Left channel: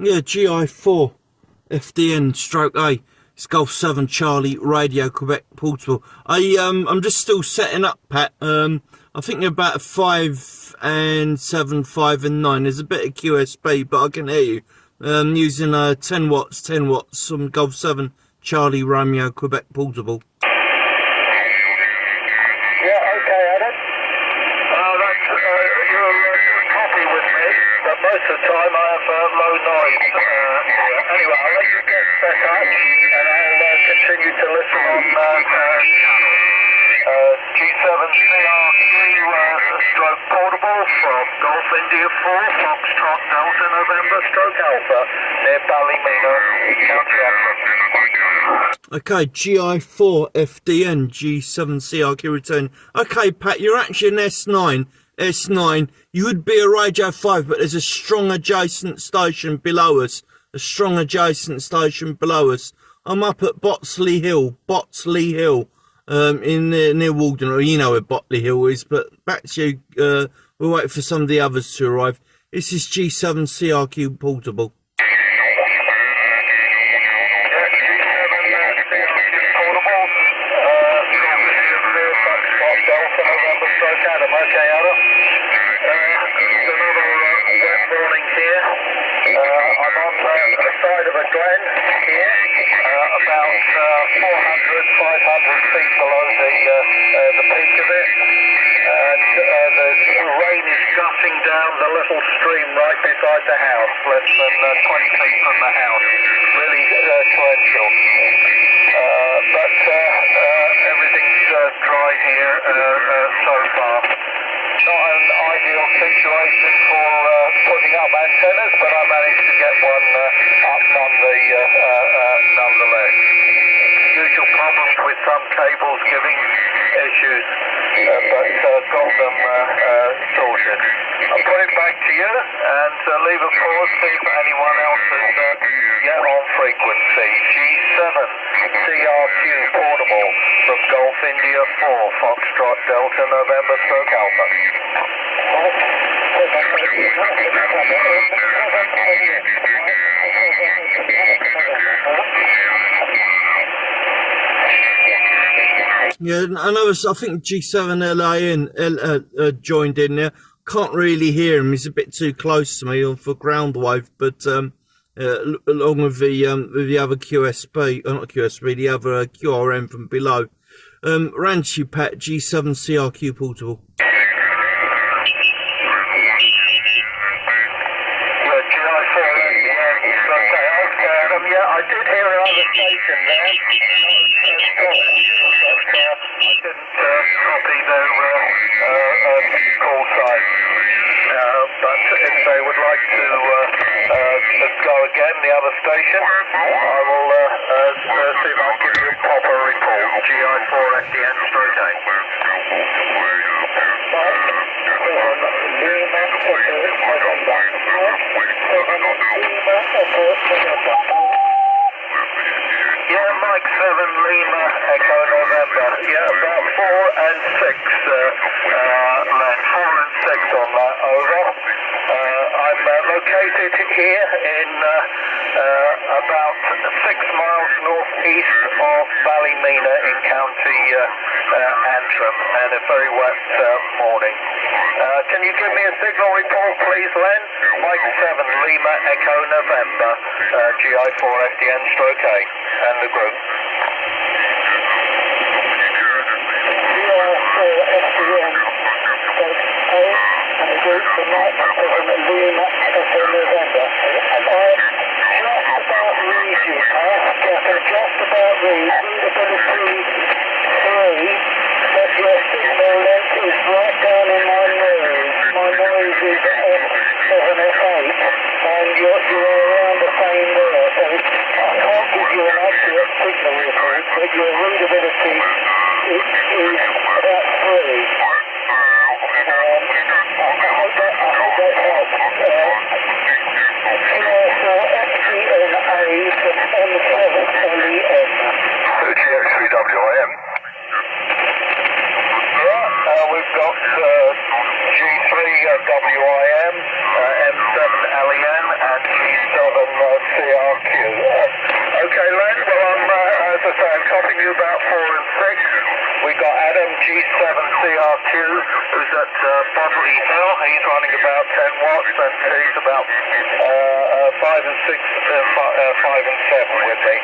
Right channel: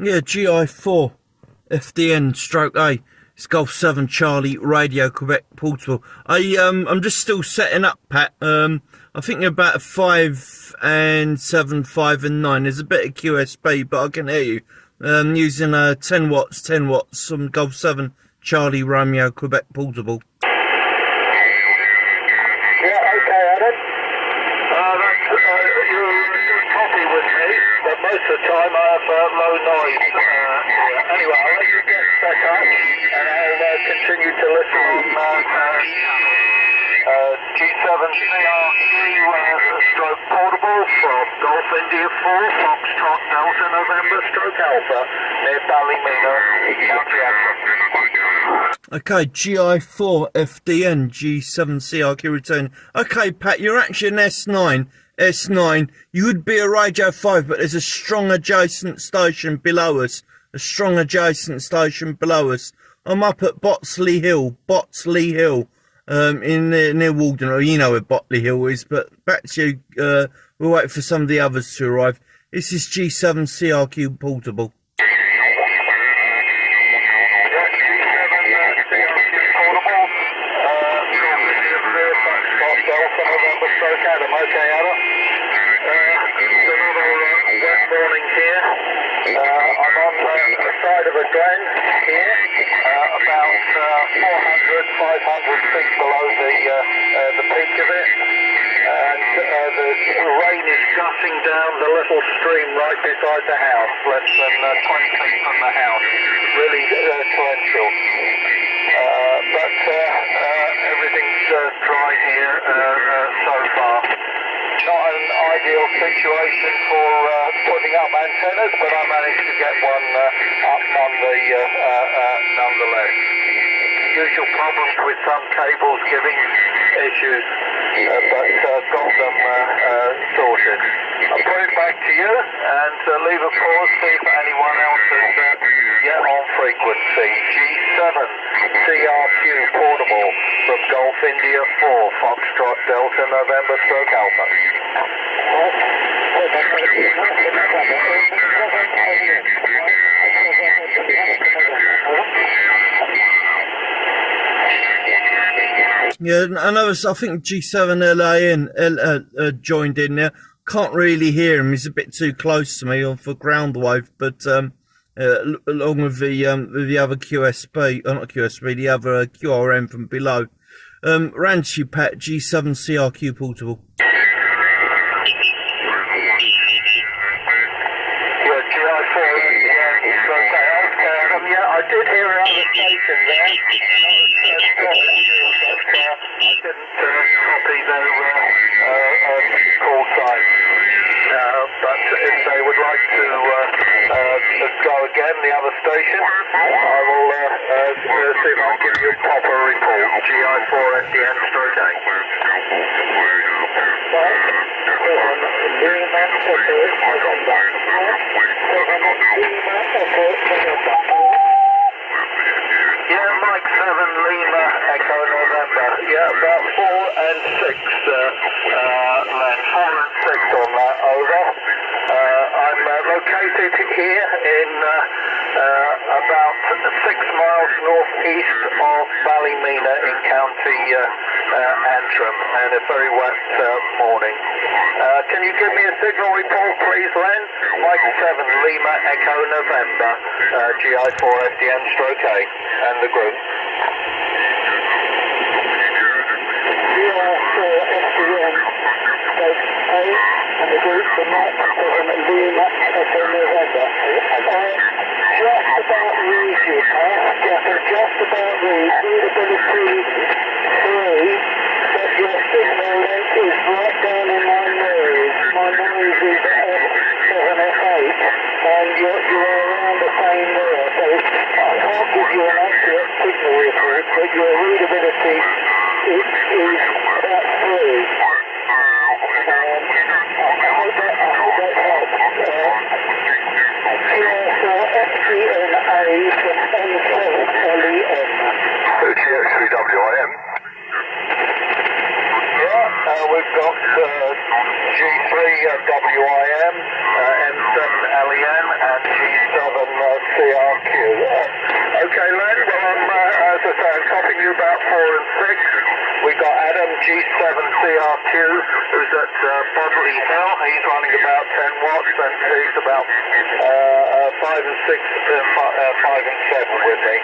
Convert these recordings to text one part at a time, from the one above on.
Yeah, GI4 FDN stroke A. It's Golf 7 Charlie Radio Quebec Portable. I'm just still setting up, Pat. I think about a 5 and 7, 5 and 9. There's a bit of QSB, but I can hear you. Using 10 watts, some Golf 7 Charlie Romeo Quebec Portable. Most of the time I have low noise here. Anyway, I'll let you get set up and I'll continue to listen on G7CRQ stroke portable from Golf India 4 Foxtrot Delta November stroke Alpha near Ballymena, County Antrim. Okay, GI4 FDN G7CRQ return. Okay, Pat, you're actually an S9, you would be a Radio 5, but there's a strong adjacent station below us. I'm up at Botsley Hill, near Walden. You know where Botley Hill is, but back to you. We'll wait for some of the others to arrive. This is G7CRQ Portable. Beside the house, less than 20 feet from the house, really torrential. But everything's dry here so far. Not an ideal situation for putting up antennas, but I managed to get one up nonetheless. Usual problems with some cables giving issues, but got them sorted. I'll put it back to you and leave a pause, see if anyone else is yet on frequency. G7CRQ portable from Golf India 4 Foxtrot Delta November stroke Alpha. Yeah, I think G7LAN joined in there. Can't really hear him. He's a bit too close to me for ground wave, but along with the other QSB, not QSB, the other QRM from below. Ranchi Pat G7CRQ portable. I did hear another station there. I didn't copy their call sign. But if they would like to go again, the other station, I will see if I can give you a proper report. GI4 FDN stroke A. Yeah, Mike 7 Lima Echo November. Yeah, about 4 and 6 land. 4 and 6 on that, over. I'm located here in about 6 miles northeast of Ballymena in County Antrim, and a very wet morning. Can you give me a signal report, please, Len? Mike 7 Lima Echo November, GI4 FDN stroke A, and the group. GI4 FDN stroke A, and the group for Mike 7 Lima Echo November. Just about read you, just about read. Readability 3, but your signal length is right down in my nose. My nose is F7, F8, and you're around the same there. So I can't give you an accurate signal report, but your readability is about 3. I hope that helps. GI4 FDNA from M7LEN. GX3WIM. We've got G3WIM, M7LEN, and G7 G7CRQ, who's at Bodley Hill. He's running about 10 watts, and he's about 5 and 6, 5 and 7 with me.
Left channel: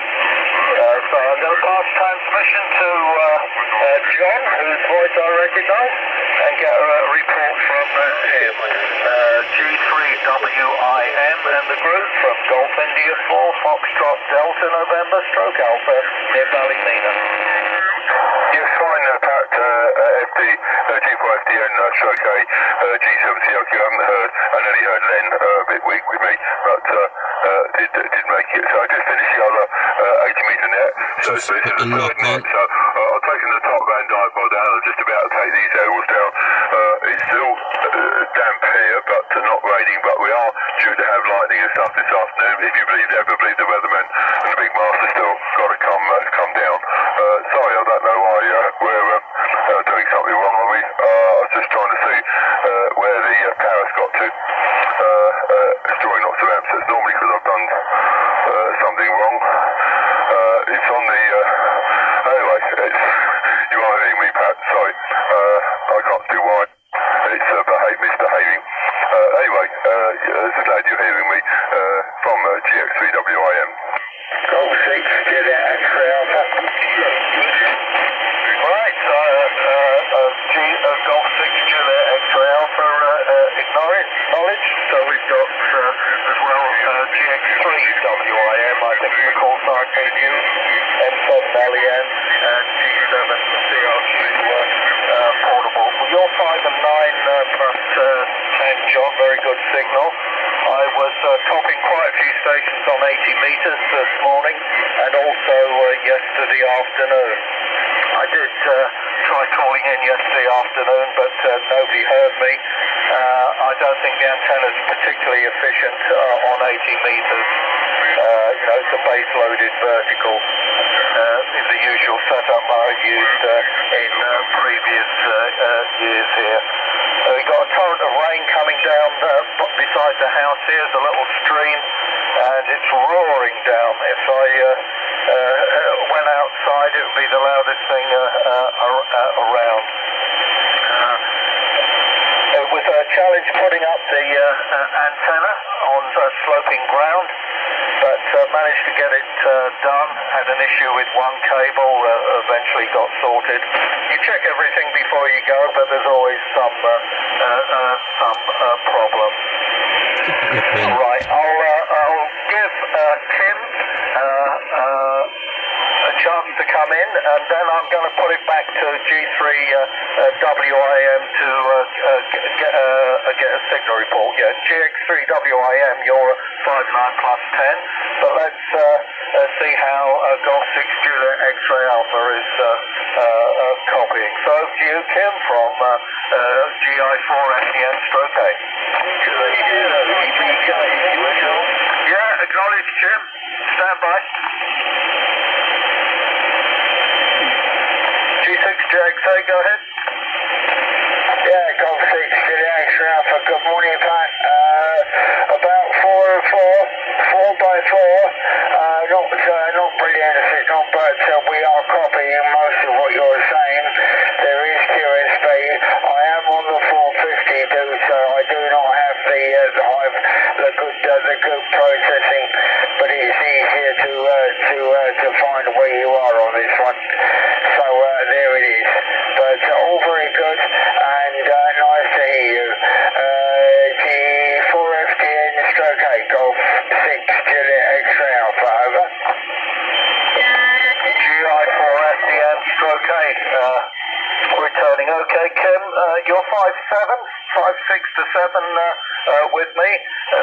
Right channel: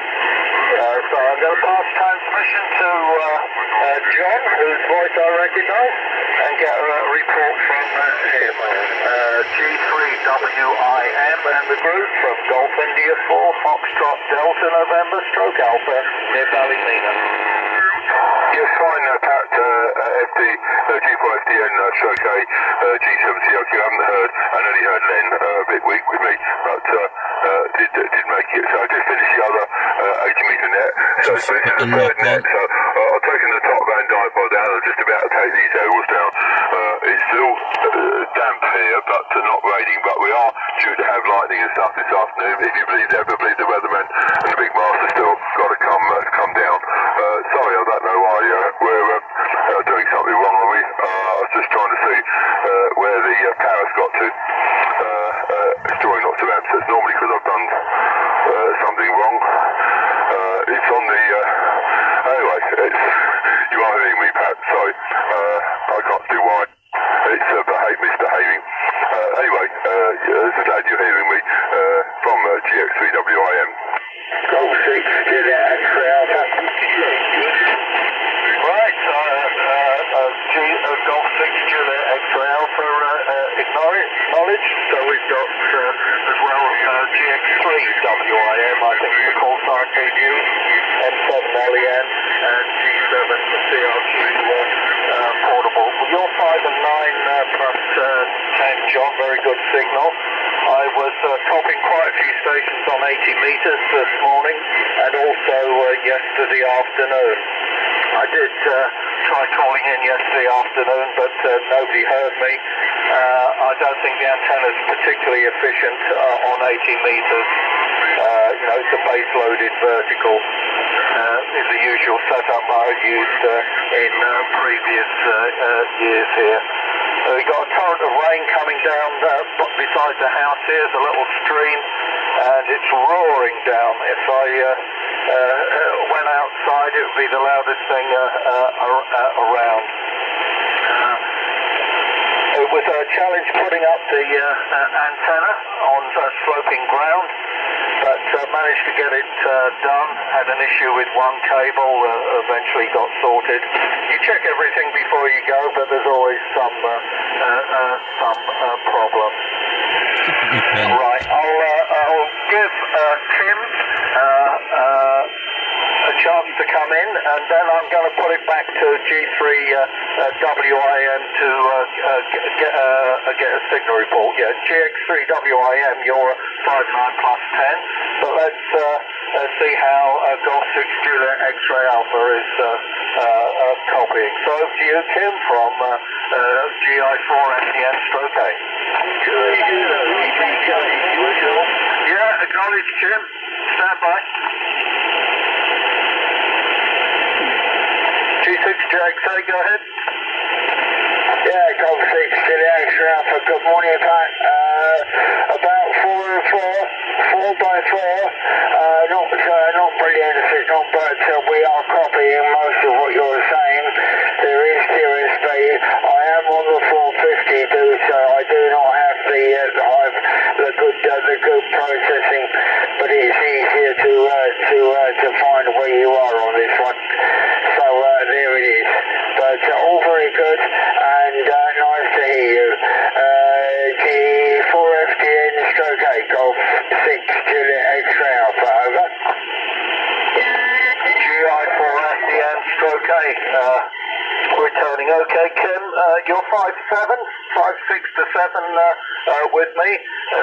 So I'm going to pass transmission to John, whose voice I recognise, and get a report from him. G3WIM and the group from Golf India 4, Foxtrot Delta November, Stroke Alpha, near Ballymena. Yes, fine, Pat, G4FDN, stroke A, G7CRQ, I haven't heard, I only heard Len a bit weak with me, but did make it. So I just finished the other 80 metre net, so Just this is put the the third lock net, on. so I've taken the top van dipole down, I'm just about to take these aerials down. It's still damp here, but not raining, but we are due to have lightning and stuff this afternoon, if you ever believe the weatherman, and the big master still got to come down. Sorry, I don't know why we're doing something wrong, are we? I was just trying to see where the power's got to. It's drawing lots of amps. It's normally because I've done something wrong. It's on the... anyway, you are hearing me, Pat. Sorry. I can't see why. It's misbehaving. Anyway, glad you're hearing me from GX3WIM. Golf 6, Juliet X-ray Alpha. Right, Golf 6, Juliet X-ray Alpha acknowledged. So we've got as well GX3WIM, I think the call sign being used, M7LEN and G7CRQ portable. Well, you're 5 and 9 plus 10, John, very good signal. I was topping quite a few stations on 80 metres this morning and also yesterday afternoon. I did try calling in yesterday afternoon, but nobody heard me. I don't think the antenna is particularly efficient on 80 metres. It's a base-loaded vertical. Is the usual setup I've used in previous years here. We've got a torrent of rain coming down beside the house. Here's a little stream, and it's roaring down. If I went outside, it would be the loudest thing around. It was a challenge putting up the antenna on sloping ground, but managed to get it done. Had an issue with one cable, eventually got sorted. You check everything before you go, but there's always some problem. Right, I'll give Tim a chance to come in, and then I'm going to put it back to G3WIM to get a signal report. Yeah, GX3WIM, you're 5-9 plus 10, but let's see how Golf 6 Juliet X-ray Alpha is copying. So over to you, Kim, from GI4FDN stroke A. Yeah, acknowledge, Jim. Stand by. G6JXA, go ahead. Yeah, Golf 6 Juliet X-ray Alpha. Good morning, Pat. About 4 and 4 by 4. Not brilliant signal, but we are copying most of what you're saying. There is QSP. I am on the 450, so I do not have the good processing, but it's easier to find where you are on this one. So there it is. But all very good and nice to hear you. G4FDN stroke 8 Golf 6 Juliet X-ray Alpha, over. GI4FDN stroke 8. Returning. Okay, Kim, you're 5'7", 5'6" to 7 with me,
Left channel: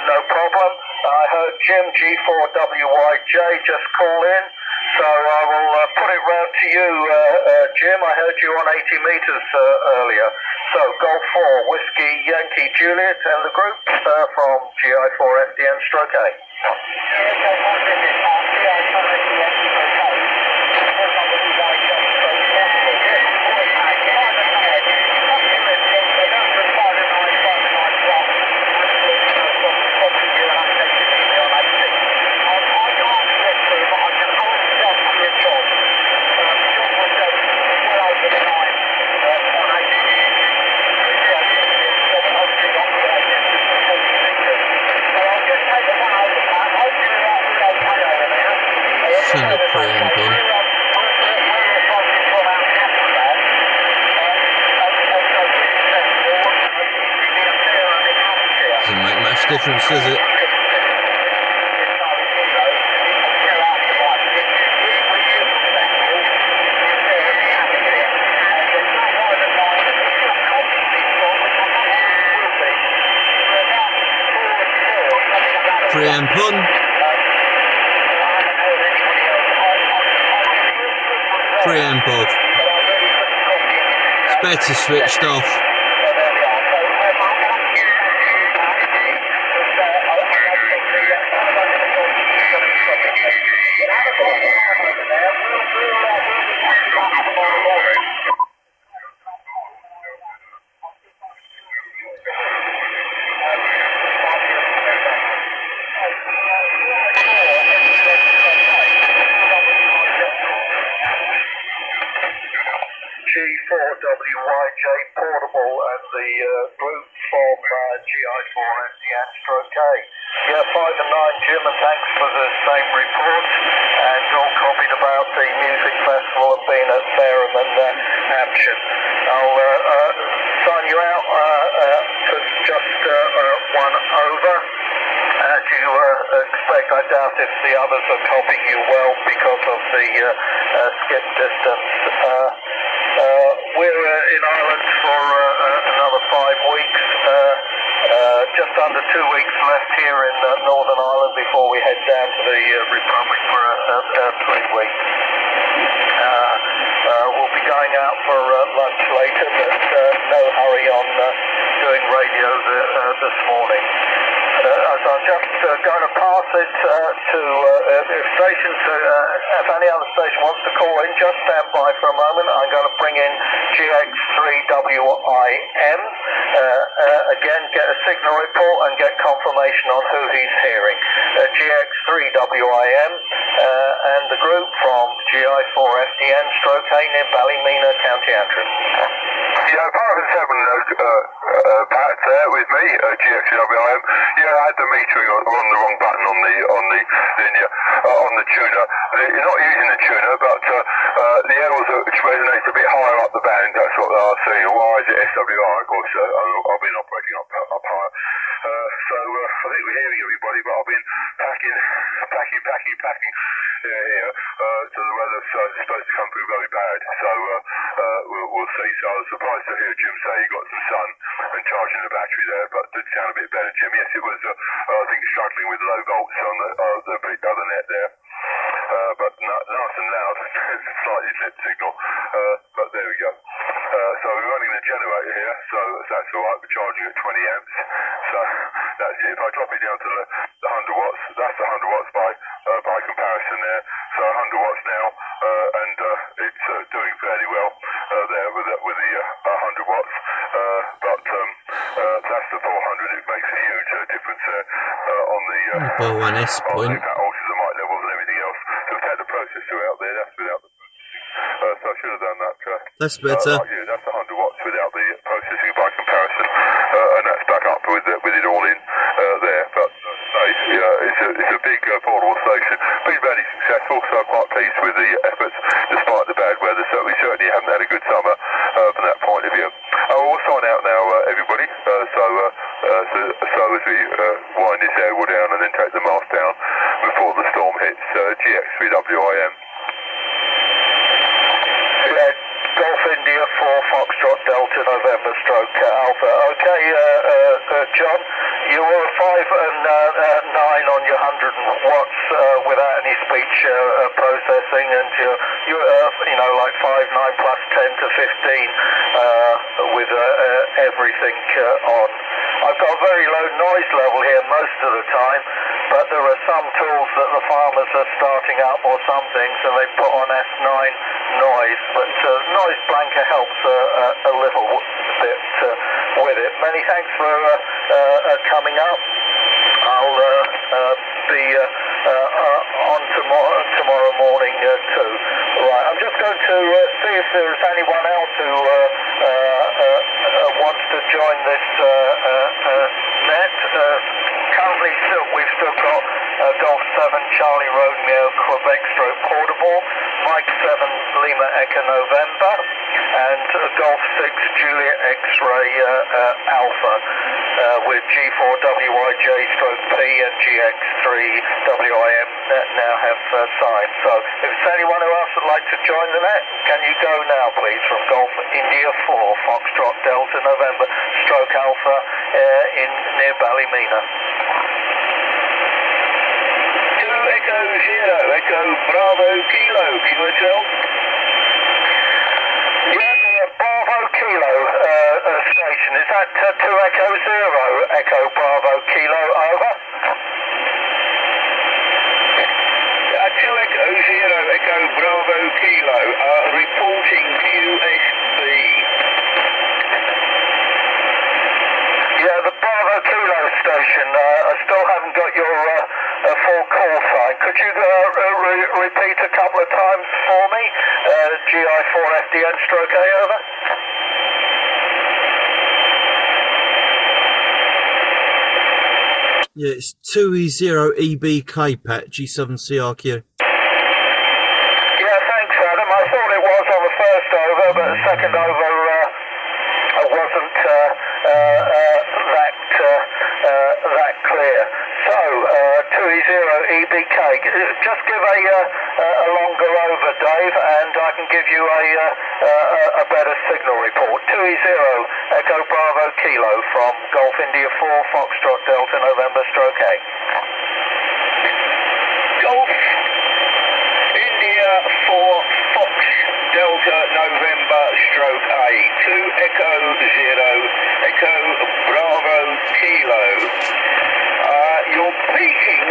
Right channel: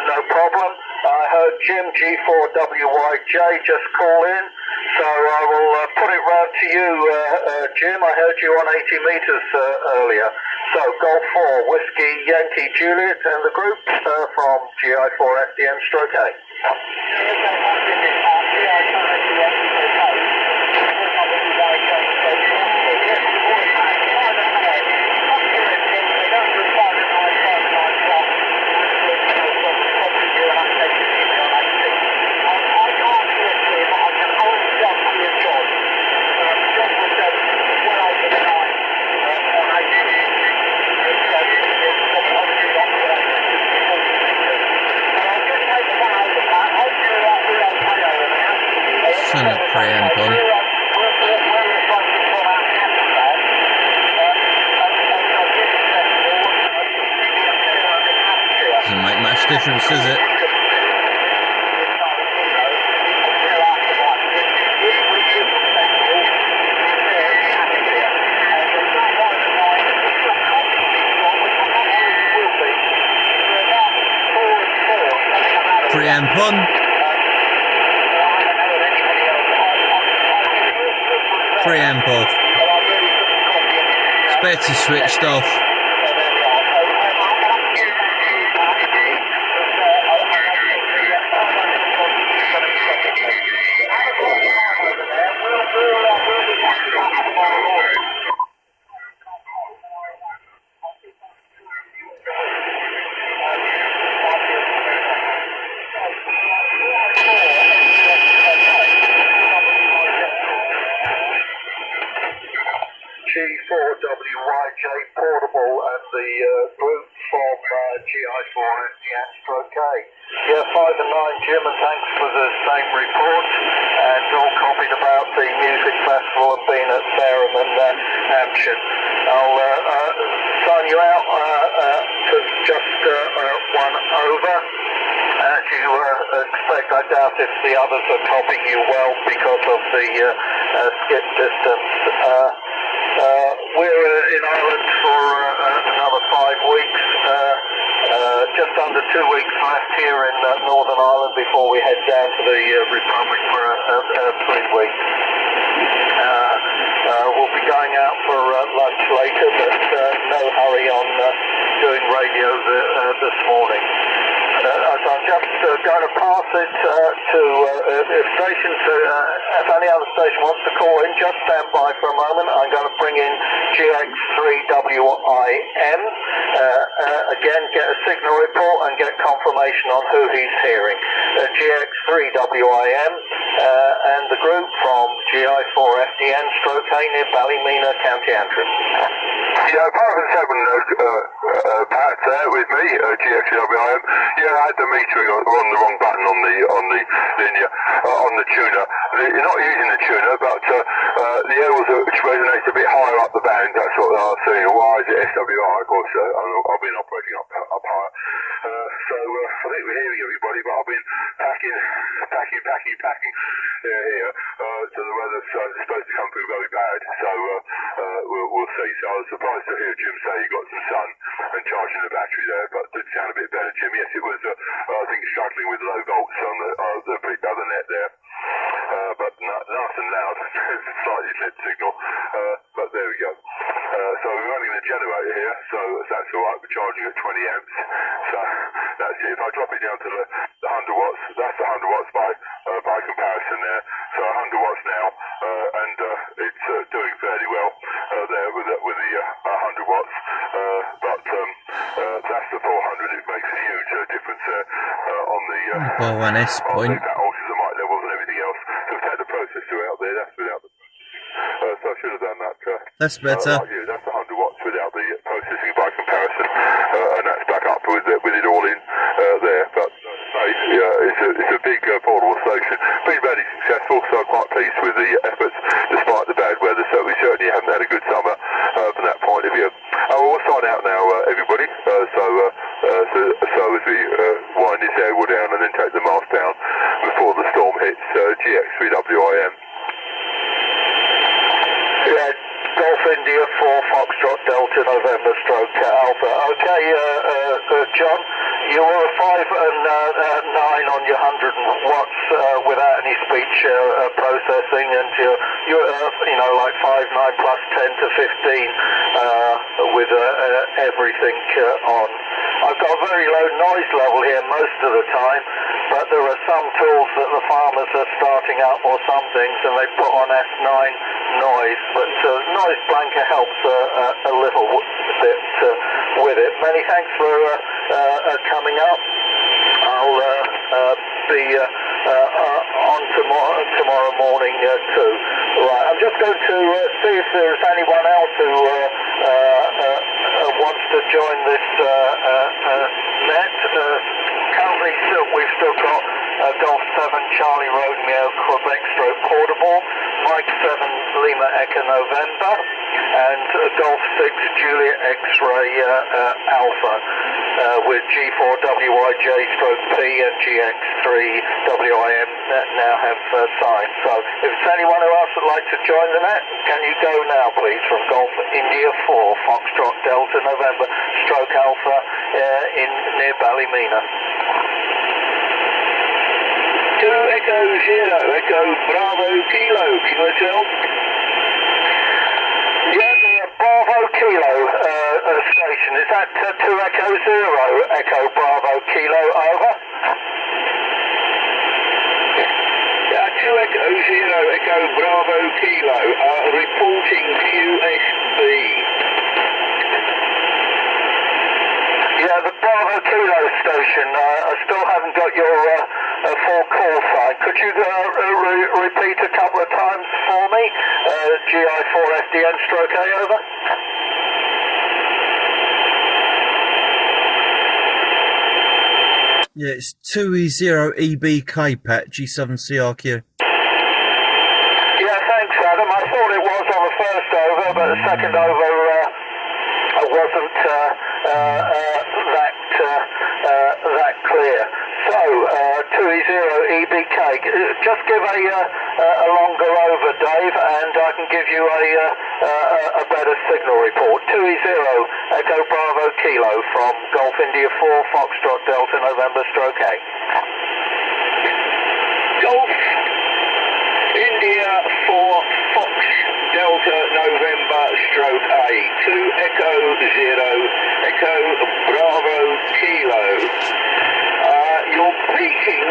no problem. I heard Jim G4WYJ just call in, so I will put it round to you, Jim. I heard you on 80 metres earlier. So Golf 4, Whiskey Yankee Juliet and the group from GI4FDN stroke A. Preamp on. Doesn't make much difference, does it? Preamp on. Preamp off. It's better switched off. G4WYJ Portable and the group from GI4FDN stroke K. Yeah, 5 and 9 Jim, and thanks for the same report, and all copied about the music festival and being at Fareham and Hampshire. I'll sign you out for just one over. As you expect, I doubt if the others are copying you well because of the skip distance. We're in Ireland for another 5 weeks. Just under 2 weeks left here in Northern Ireland before we head down to the Republic for 3 weeks. We'll be going out for lunch later, but no hurry on doing radio this morning. So I'm just going to pass it to if stations, if any other station wants to call in, just stand by for a moment. I'm going to bring in GX3WIM. Again, get a signal report and get confirmation on who he's hearing. GX3WIM and the group from GI4FDN stroke A near Ballymena, County Antrim. Yeah, 5 and 7, Pat there with me, GX3WIM. Yeah, I had the metering on the wrong button on the linear, on the tuner. You're not using the tuner, but the airways resonate a bit higher up the band. That's what I was saying. Why is it SWI? Of course, I've been operating up higher. So I think we're hearing everybody, but I've been packing here. So the weather's supposed to come through very bad. So we'll see. So I was surprised to hear Jim say he got some sun and charging the battery there, but did sound a bit better, Jim. Yes, it was, I think, struggling with low volts on the other net there. But nice and loud, slightly slip signal, but there we go. So we're running the generator here, so that's alright, we're charging at 20 amps, so that's it. If I drop it down to the 100 watts, that's 100 watts by comparison there, so 100 watts now, and it's doing fairly well there with the 100 watts, but that's the 400, it makes a huge difference on the One S point. that alters the mic levels and everything else. So take the processor out there, that's without the processing. So I should have done that. That's better. Like you, that's 100 watts without the processing by comparison, and that's back up with it all in there. But it's a big portable station. Been very successful, so I'm quite pleased with the efforts despite the bad weather. So we certainly haven't had a good summer from that point of view. We'll sign out now, everybody. So as we wind this airwall down and then take the mast down before the storm hits, GX3WIM. Yeah, Golf India 4 Foxtrot Delta November stroke Alpha. Okay, John, you were 5 and 9 on your 100 watts without any speech processing, and you're like 5, 9 plus 10 to 15 with everything on. I've got a very low noise level here most of the time, but there are some tools that the farmers are starting up, or some things, and they put on S9 noise, but noise blanker helps a little bit with it. Many thanks for coming up. I'll be on tomorrow morning too. Right, I'm just going to see if there's anyone else who wants to join this net. Currently, we've still got Golf 7 Charlie Romeo Quebec stroke portable, Mike 7 Lima Echo November, and Golf 6 Juliet X-Ray Alpha with G4WIJ stroke P and GX3WIM that now have signed. So if there's anyone else would like to join the net, can you go now please from Golf India 4 Foxtrot Delta November stroke Alpha near Ballymena. 2 Echo 0 Echo Bravo Kilo, QSL. Yeah, the Bravo Kilo station, is that 2 Echo 0 Echo Bravo Kilo, over? 2 Echo 0 Echo Bravo Kilo, reporting QSB. Yeah, the Bravo Kilo station, I still haven't got your full call sign. Could you repeat a couple of times for me? GI4FDN stroke A, over? Yeah, it's 2E0EBK, Pat, G7CRQ. Yeah, thanks, Adam. I thought it was on the first over, but the second over wasn't that clear. So, 2E0EBK. Just give a longer over, Dave, and I can give you a better signal report. 2E0 Echo Bravo Kilo from Golf India 4 Foxtrot Delta November stroke A. Golf India 4 Fox Delta November stroke A. 2 Echo 0 Echo Bravo Kilo. You're peaking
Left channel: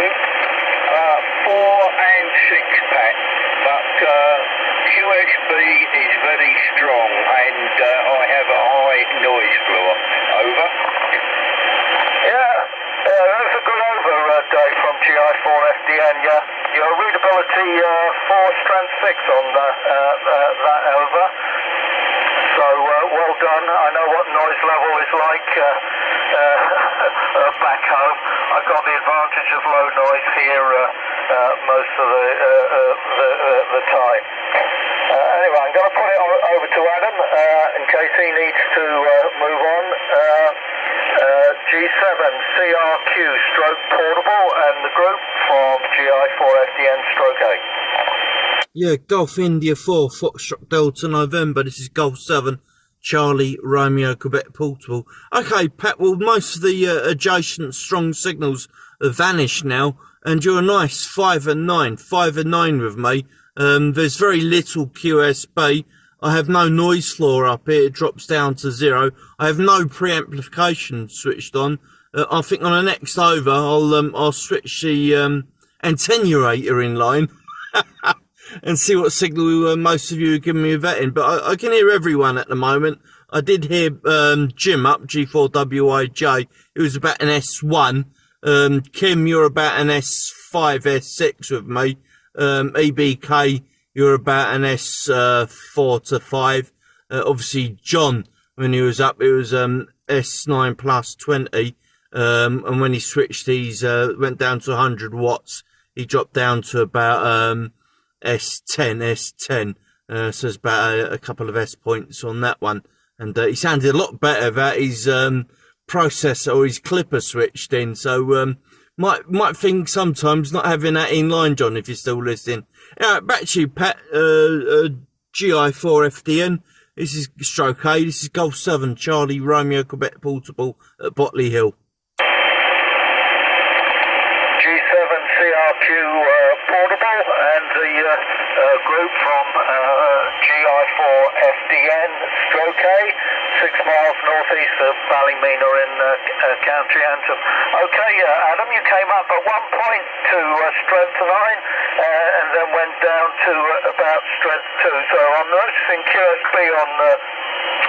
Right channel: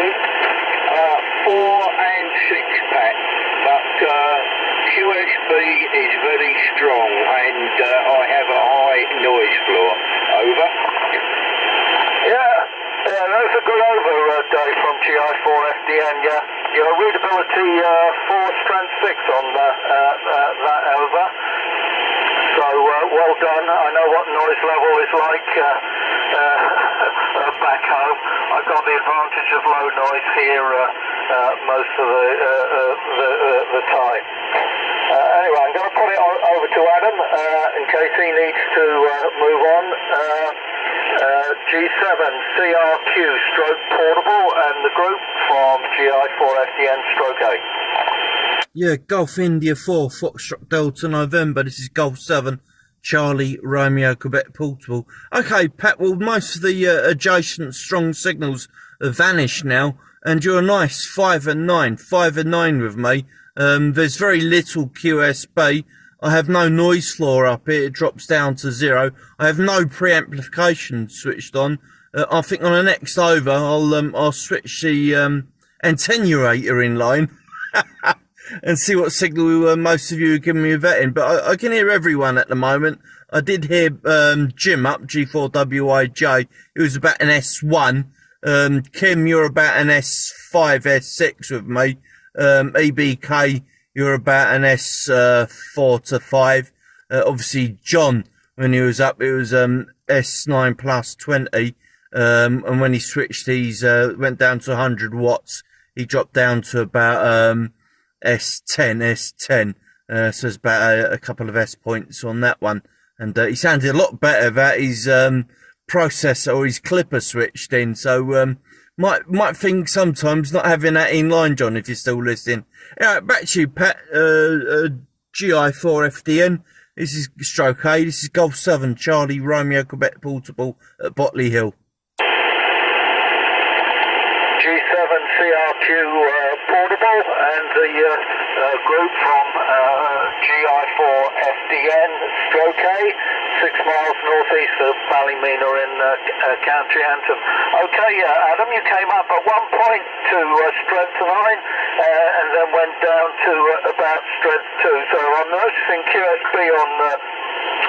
4 and 6, Pat, but QSB is very strong and I have a high noise floor. Over. Yeah, that was a good over, Dave, from GI4FDN. Yeah, your readability 4 strength 6 on that over. So well done. I know what noise level is like back home. I've got the advantage of low noise here most of the time. Anyway, I'm going to put it over to Adam in case he needs to move on. G7 CRQ stroke portable and the group from GI4FDN stroke A. Yeah, Golf India 4 Foxtrot Delta November. This is Golf 7 Charlie Romeo Quebec portable. Okay, Pat, well, most of the adjacent strong signals have vanished now, and you're a nice 5 and 9 with me. There's very little QSB. I have no noise floor up here. It drops down to 0. I have no preamplification switched on. I think on the next over, I'll switch the attenuator in line and see what signal most of you are giving me a vet in. But I can hear everyone at the moment. I did hear Jim up, G4WIJ. It was about an S1. Kim, you're about an S5, S6 with me. EBK, you're about an S4 to 5. Obviously, John, when he was up, it was S9 plus 20. And when he switched, he's went down to 100 watts. He dropped down to about S10. So it's about a couple of S points on that one. And he sounded a lot better that his processor or his clipper switched in. So might think sometimes not having that in line, John, if you're still listening. All right, back to you, Pat. GI4FDN. This is stroke A. This is Golf 7 Charlie Romeo Quebec portable at Botley Hill. G7 CRQ portable and the group from GI4FDN stroke A, 6 miles northeast of Ballymena in County Antrim. Okay, Adam, you came up at one point to strength 9 and then went down to about strength 2. So I'm noticing QSB on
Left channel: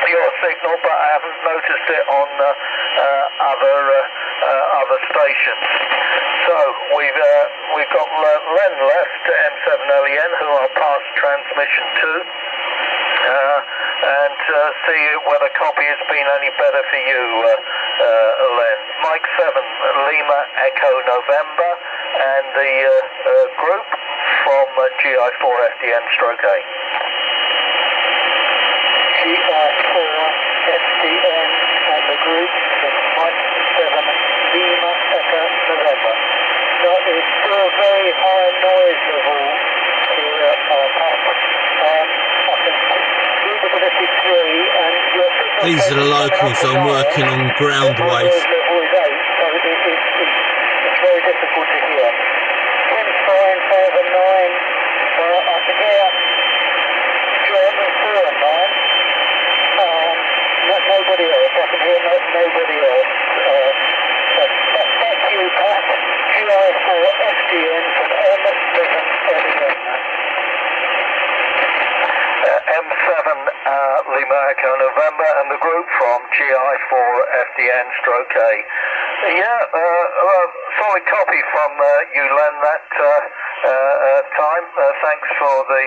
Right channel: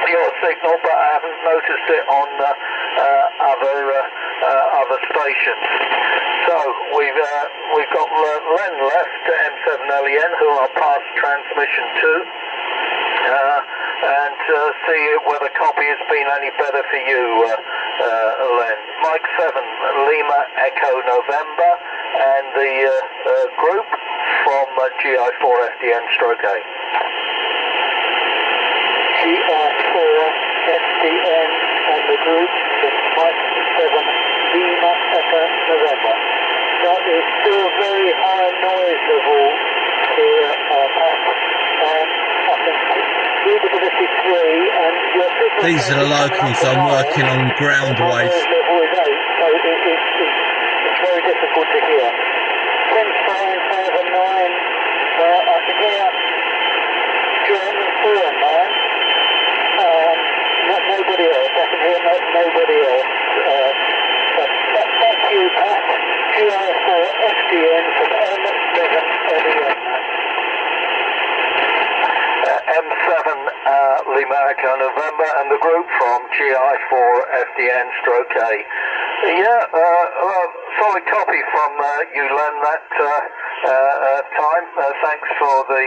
your signal, but I haven't noticed it on other stations. So we've got Len left, M7LEN, who I'll pass transmission to, and see whether copy has been any better for you, Len. Mike 7 Lima Echo November, and the group from GI4 FDN stroke A. GI4 FDN and the group is Mike 7 Lima Echo November. That is still very high noise level here at I think readability 3, and your signal These are the locals. I'm working on ground wave. level is 8, so it's very difficult to hear. 10 fine, 5 and 9. I can hear John 4 and 9. Nobody else. I can hear nobody else. Back to you, Pat. GI4 FDN from M7 M7 Lima Echo November, and the group from GI4 FDN stroke A. Yeah, solid copy from you, Len, that time. Thanks for the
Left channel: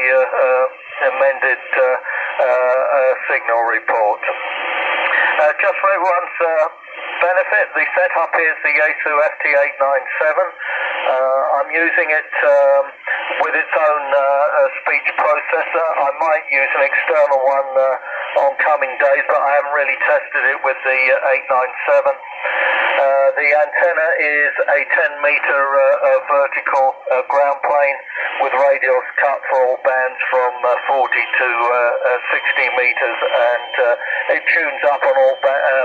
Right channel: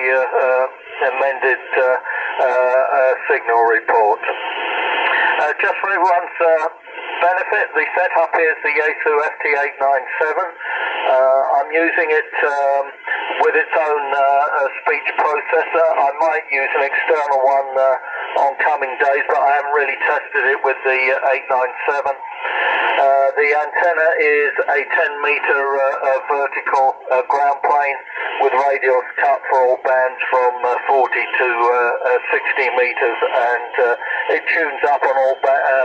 amended signal report. Just for everyone's benefit, the setup is the Yaesu FT897. I'm using it with its own speech processor. I might use an external one on coming days, but I haven't really tested it with the 897. The antenna is a 10-meter vertical ground plane with radials cut for all bands from 40 to 60 meters, and it tunes up on all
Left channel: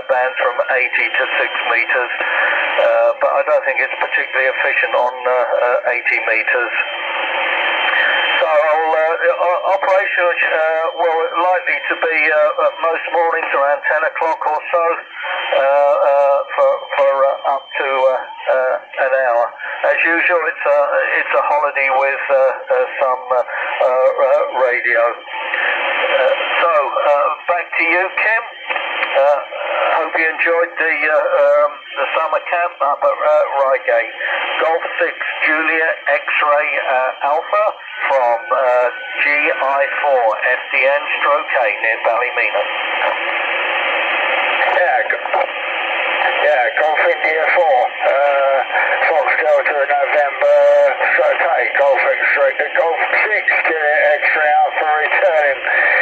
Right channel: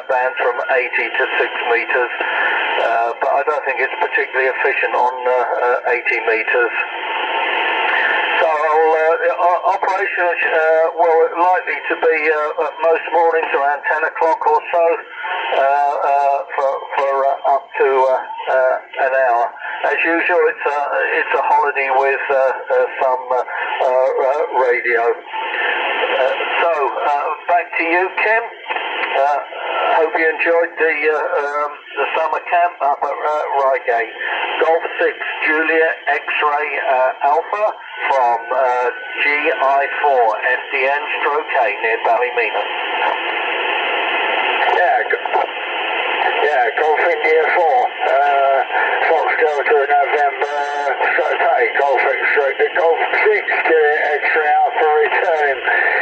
bands from 80 to 6 meters, but I don't think it's particularly efficient on 80 meters. So operation will likely to be most mornings around 10 o'clock or so, for up to an hour. As usual, it's a holiday with some radio. So back to you, Kim. Hope you enjoyed the summer camp up at Reigate. Golf 6 Julia X-Ray Alpha from GI4 FDN stroke A near Ballymena. Yeah, Golf India 4, Fox Delta November, stroke A, Golf X-Ray, Golf 6 Julia X-Ray Alpha returning.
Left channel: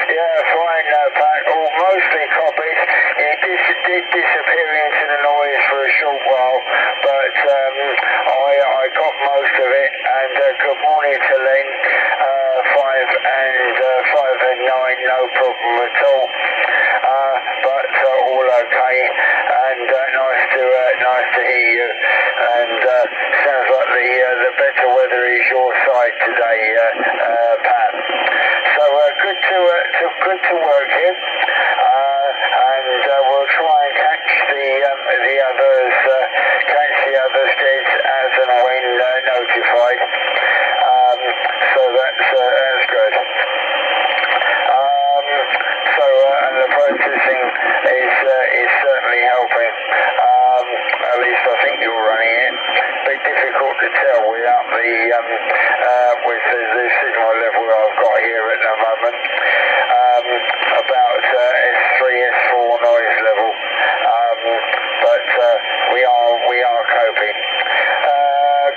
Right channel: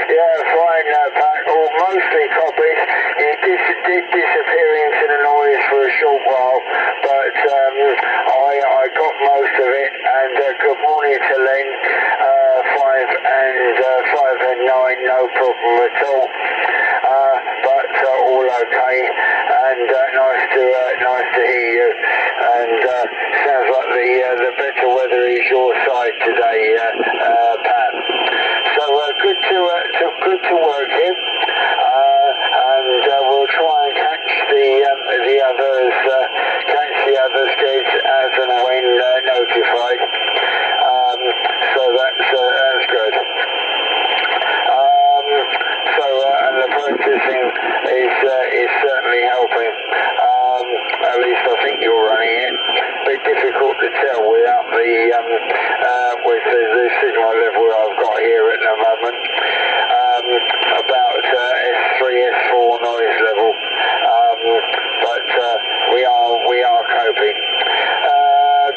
Yeah, fine, Pat, all mostly copies. You did disappear into the noise for a short while, but I got most of it, and good morning to Len, 5 and 9, no problem at all, but all okay, and nice to hear you, and sounds like the better weather is your side today, Pat. So good to work here, and we'll try and catch the others kids as and when notified. So that's good. And the processing is certainly helping. At least I think you're running it. Bit difficult to tell without with the signal level I've got here at the moment. About S3, S4 noise level. But we are coping.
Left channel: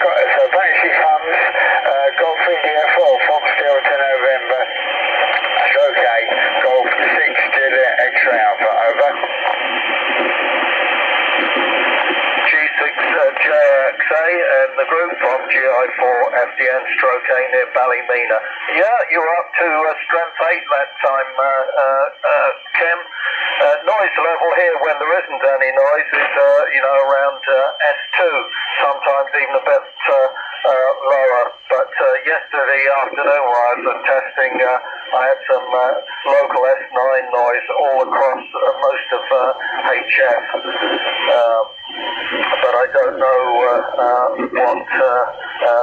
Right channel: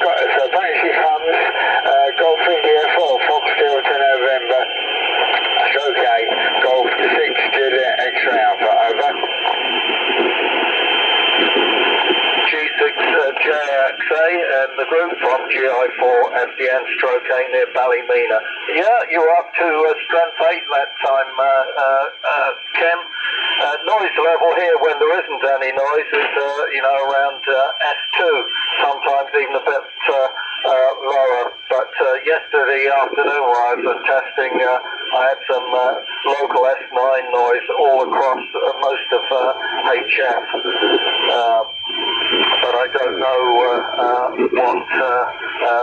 So Banshee comes. Golf India 4, Fox Delta November. Okay, Golf 6 Juliet X-Ray Alpha, over. G6 JXA and the group from GI4 FDN stroke A near Ballymena. Yeah, you were up to strength 8 that time, Kim. Noise level here, when there isn't any noise, is around S2, sometimes even a bit lower. But yesterday afternoon while I was testing, I had some local S9 noise all across most of HF. But I don't know what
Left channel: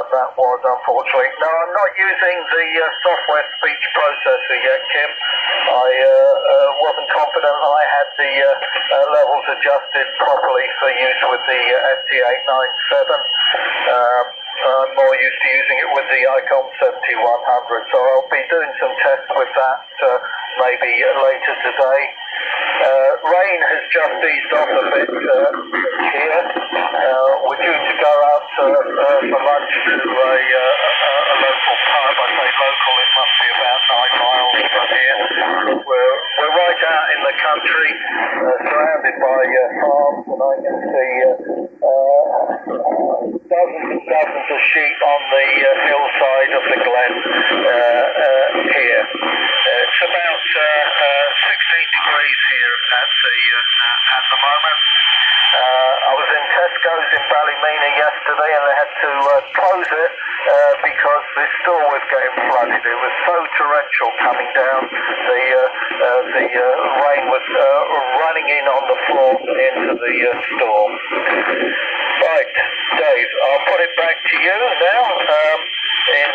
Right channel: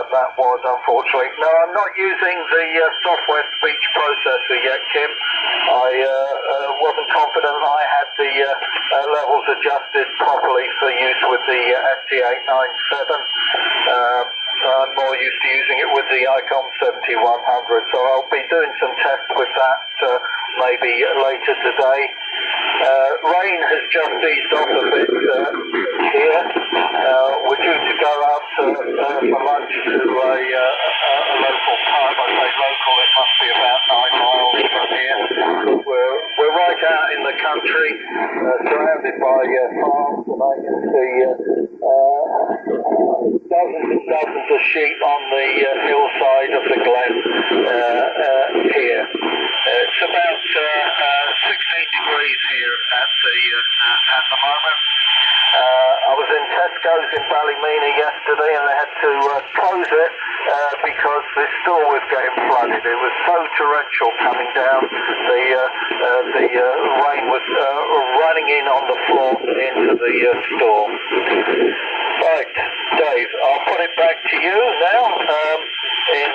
that was, unfortunately. No, I'm not using the software speech processor yet, Kim. I wasn't confident I had the levels adjusted properly for use with the FT897. I'm more used to using it with the ICOM 7100, so I'll be doing some tests with that maybe later today. Rain has just eased off a bit here. dozens of sheep on the hillside of the glen here. It's about 16 degrees here at the moment. I was in Tesco's in Ballymena yesterday and they had to close it because the store was getting flooded. It was so torrential coming down. The rain was running in on the floor into the store. Right, Dave, I'll put it back to you now in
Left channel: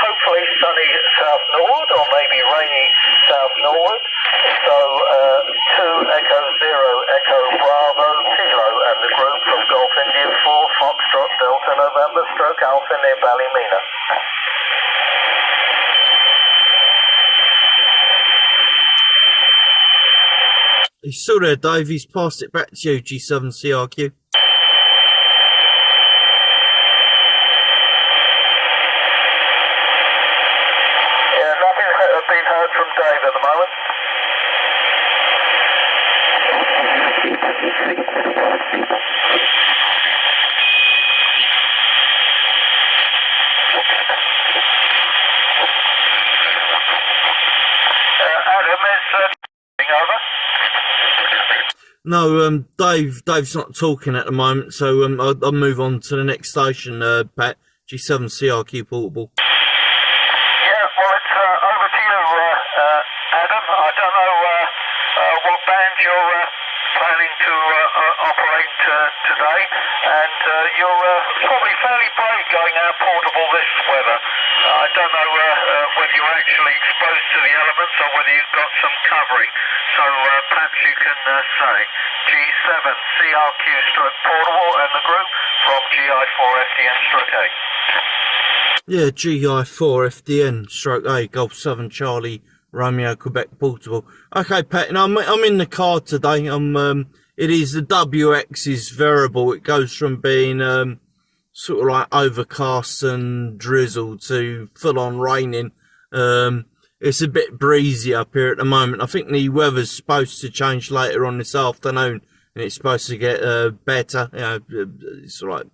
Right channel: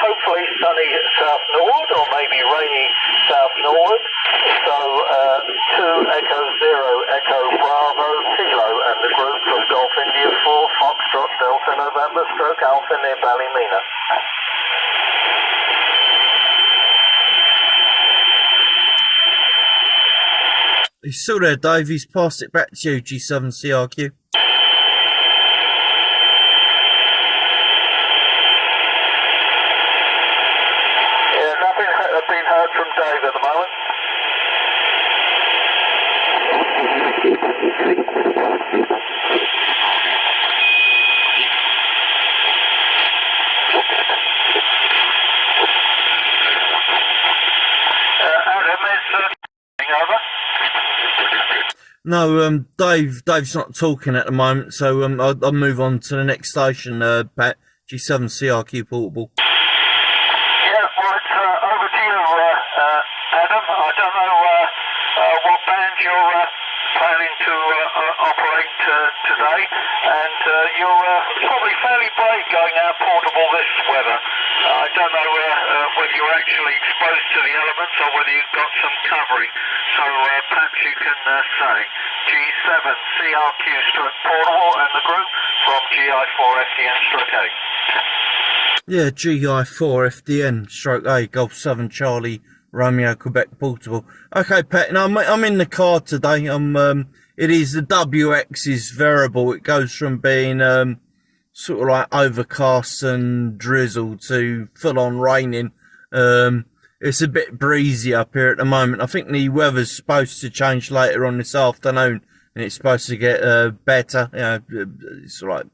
hopefully sunny South Norwood or maybe rainy South Norwood. So 2 Echo 0 Echo Bravo Kilo and the group from Golf India 4 Foxtrot Delta November stroke Alpha near Ballymena. He's still there, Dave. He's passed it back to you, G7CRQ. Yeah, nothing's been heard from Dave at the moment. Adam, is over? No, Dave's not talking at the moment, so I'll move on to the next station, Pat. G7CRQ Portable. Yeah, well, it's over to you, Adam. I don't know what band you're planning to operate today, and you're probably fairly brave going out portable this weather. I don't know whether you're actually exposed to the elements or whether you've got some covering, so perhaps you can say G7CRQ stroke portable and the group from GI4FDN stroke 8. Yeah, GI4FDN stroke A Golf 7 Charlie Romeo Quebec Portable. Okay, Pat. Now I'm in the car today. It is the WX is variable. It goes from being sort of like overcast and drizzle to full on raining. It's a bit breezy up here at the moment. I think the weather's supposed to change later on this afternoon, and it's supposed to get better. You know, it's like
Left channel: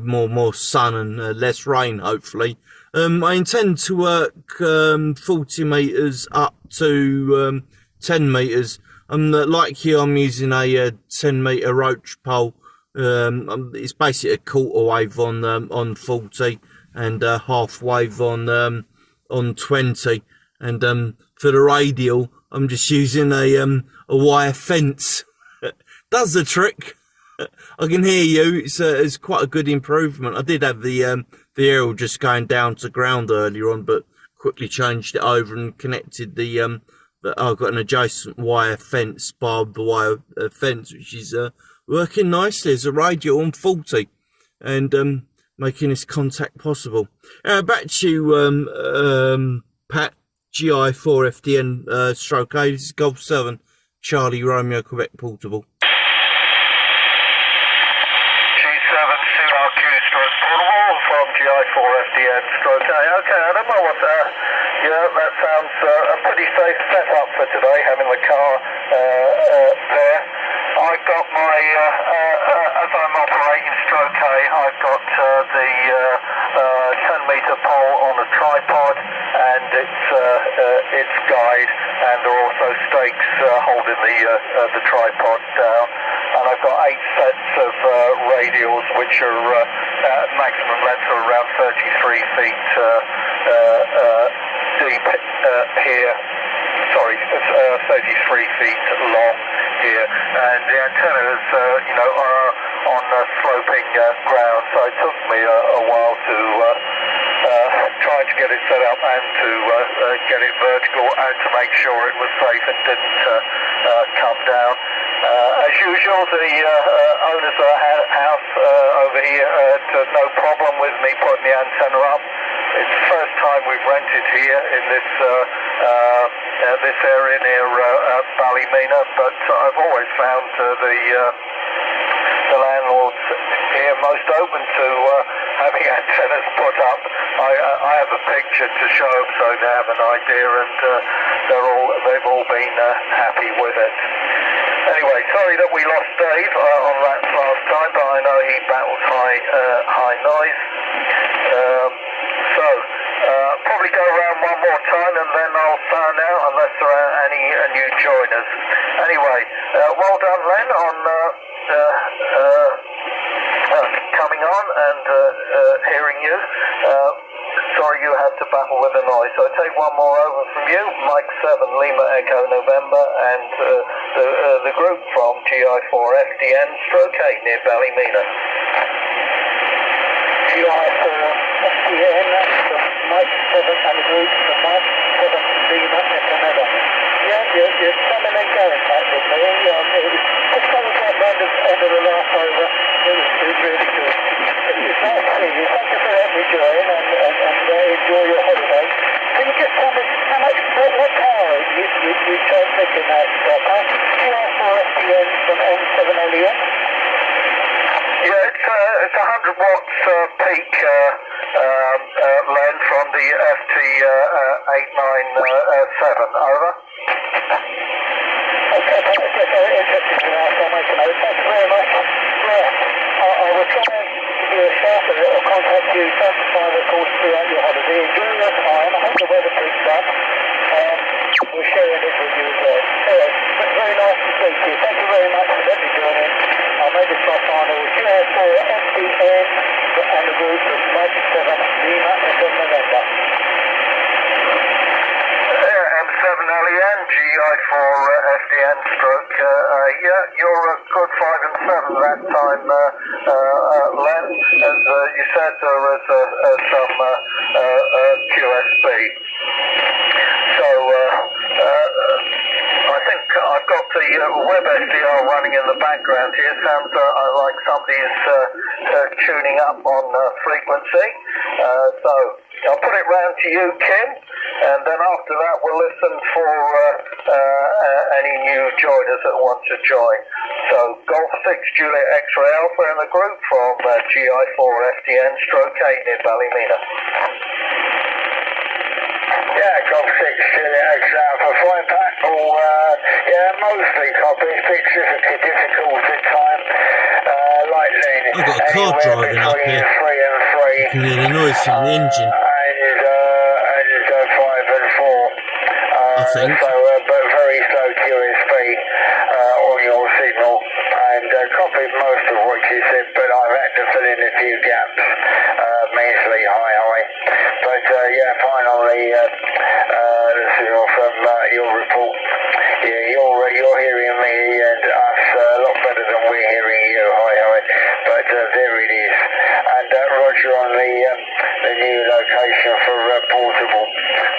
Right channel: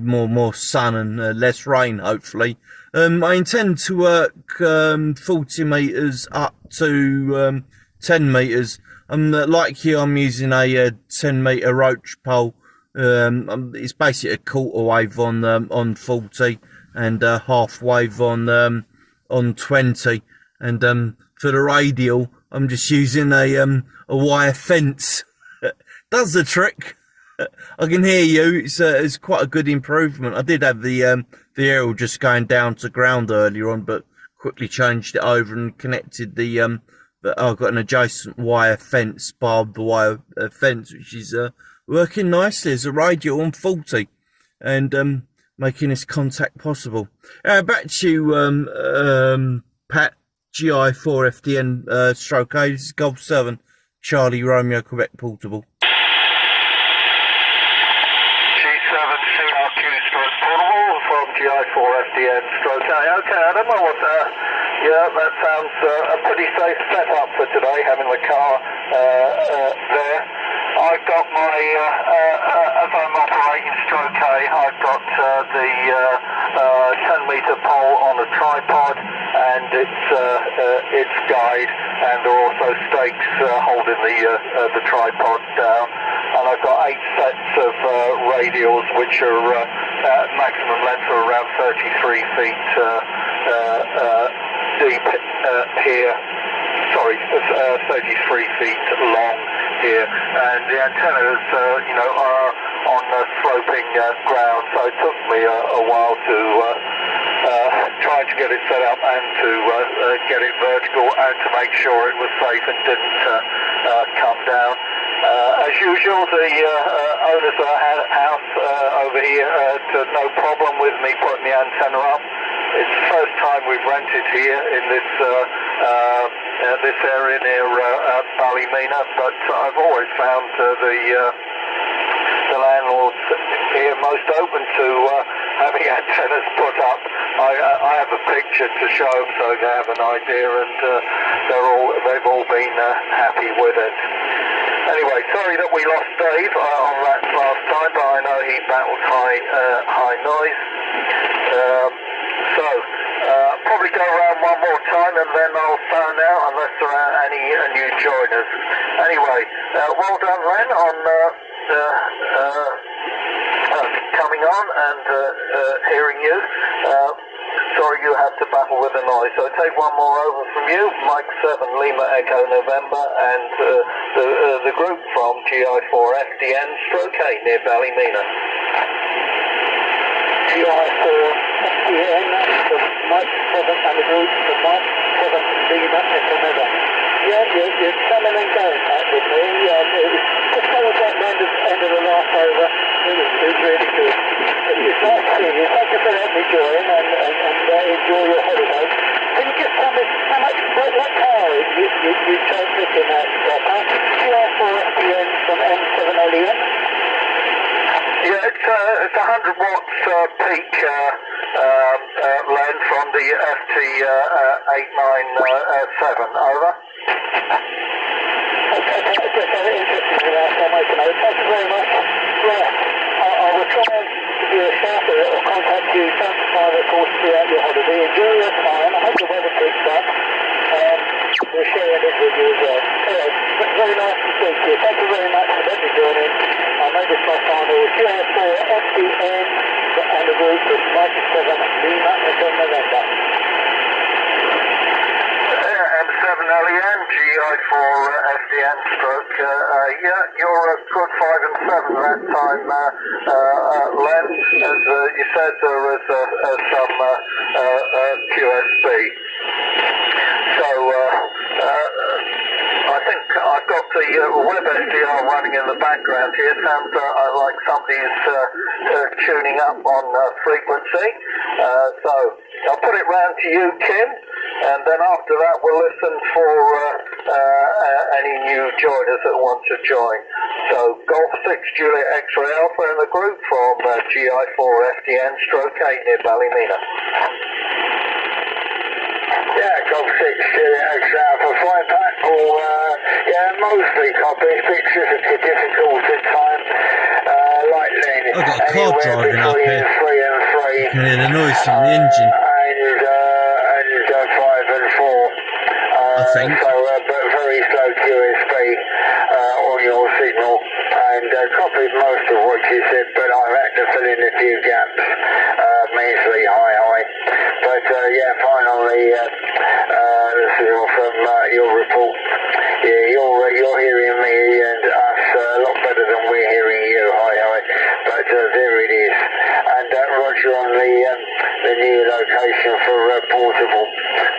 more sun and less rain, hopefully. I intend to work 40 meters up to 10 meters. Like you, I'm using a 10 meter roach pole. It's basically a quarter wave on 40 and half wave on 20. And for the radial, I'm just using a wire fence. Does the trick. I can hear you. It's quite a good improvement. I did have the aerial just going down to ground earlier on, but quickly changed it over and connected I've got an adjacent wire fence, barbed wire fence, which is working nicely as a radial on 40 and making this contact possible. Back to you, Pat. GI4FDN stroke A. This is Golf 7 Charlie Romeo Quebec Portable. From GI4FDN stroke A. Okay, Adam, yeah, that sounds a pretty safe setup for today, having the car there. I've got my, as I'm operating stroke A, I've got the 10 meter pole on a tripod and its guide, and there are also stakes holding the tripod down. And I've got 8 sets of radials, which are maximum length are around 33 feet deep here. Sorry, 33 feet long here. And the antennas, are on sloping ground. So it took me a while to try to get it set up and to get it vertical and to make sure it was safe and didn't come down. As usual, the owners of the house over here had no problem with me putting the antenna up. It's the first time we've rented here in this area near Ballymena, but I've always found the landlords here most open to having antennas put up. I have a picture to show them so they have an idea, and they've all been happy with it. Anyway, sorry that we lost Dave on that last time, but I know he high noise. Probably go around one more time and then I'll phone out unless there are any new joiners. Anyway, well done, Len, on coming on and hearing you. Sorry you had to battle with the noise. So take one more over from you, Mike 7 Lima Echo November, and the group from GI4 FDN stroke 8 near Ballymena. GI4 FDN from Mike 7 and the group from Mike 7 Lima Echo November. Yeah, you're coming and going back with me. It was just kind of like the end of the last over. It was really good. It's nice to see you. Thank you for letting me join and enjoy your holiday. Can you just tell me what car you chose picking that car? GI4 FDN from M7LEN? Yeah, it's 100 watts peak Len from the FT897. Over. Okay, just interested in that, so I'll make a note. Thank you very much. Yeah, I will try and give you a shout or contact you sometime, of course, throughout your holiday. Enjoy your time. I hope the weather picks up. We're sharing it with you as well. Anyway, very nice to speak to you. Thank you very much for letting me join in. I'll make this my final. GI4 FDN and the group of Mike 7 Lima Echo November. M7LEN, GI4 FDN stroke, yeah, you're a good 5 and 7 that time, Len. As you said, there was some QSB. So, I think I've got the web SDR running in the background here. Sounds like somebody's tuning up on frequency. So, I'll put it round to you, Kim. And then after that, we'll listen for any new joiners that want to join. So, Golf 6 Juliet X-Ray Alpha in the group from GI4 FDN stroke 8 near Ballymena. Yeah, Golf 6 Juliet X-Ray Alpha flying back. Mostly copies. Pictures are difficult at times. Lightning. I've got a car driving up here. 3 and 3. You can hear the noise from the engine. I think. So, but very slow QSB on your signal, and copied most of what you said, but I've had to fill in a few gaps, measly high. But yeah, finally, this is from your report. Yeah, you're hearing me and us a lot better than we're hearing you, high. But there it is, and Roger on the new location for portable.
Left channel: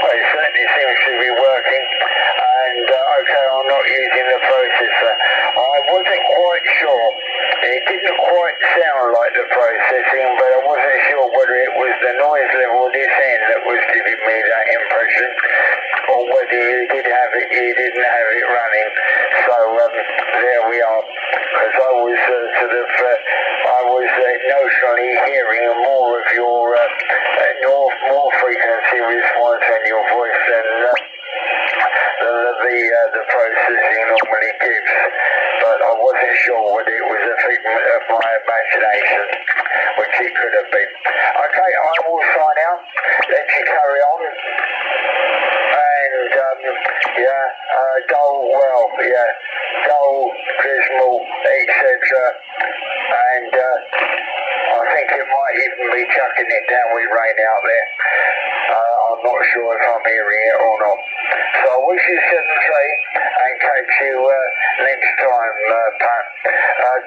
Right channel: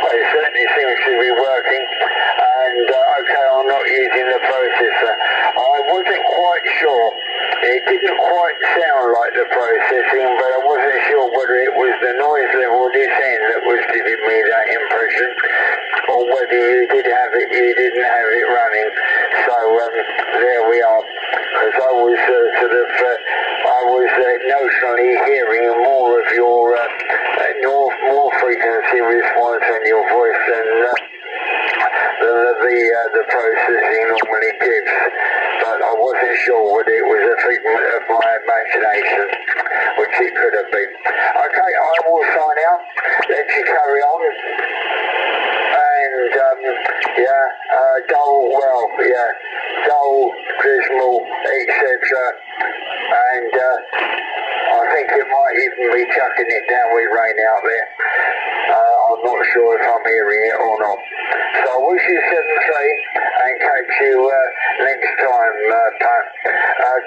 Well, it certainly seems to be working, and okay, I'm not using the processor. I wasn't quite sure. It didn't quite sound like the processing, but I wasn't sure whether it was the noise level this end that was giving me that impression, or whether you didn't have it running. So there we are. Because I was notionally hearing more of your more frequency response on your voice than the processing normally gives. But I wasn't sure whether it was a figment of my imagination, which it could have been. Okay, I will sign out. Let you carry on. And dull, dismal, etc. And I think it might even be chucking it down with rain out there. I'm not sure if I'm hearing it or not. So I wish you 7-3 and catch you next time, Pat.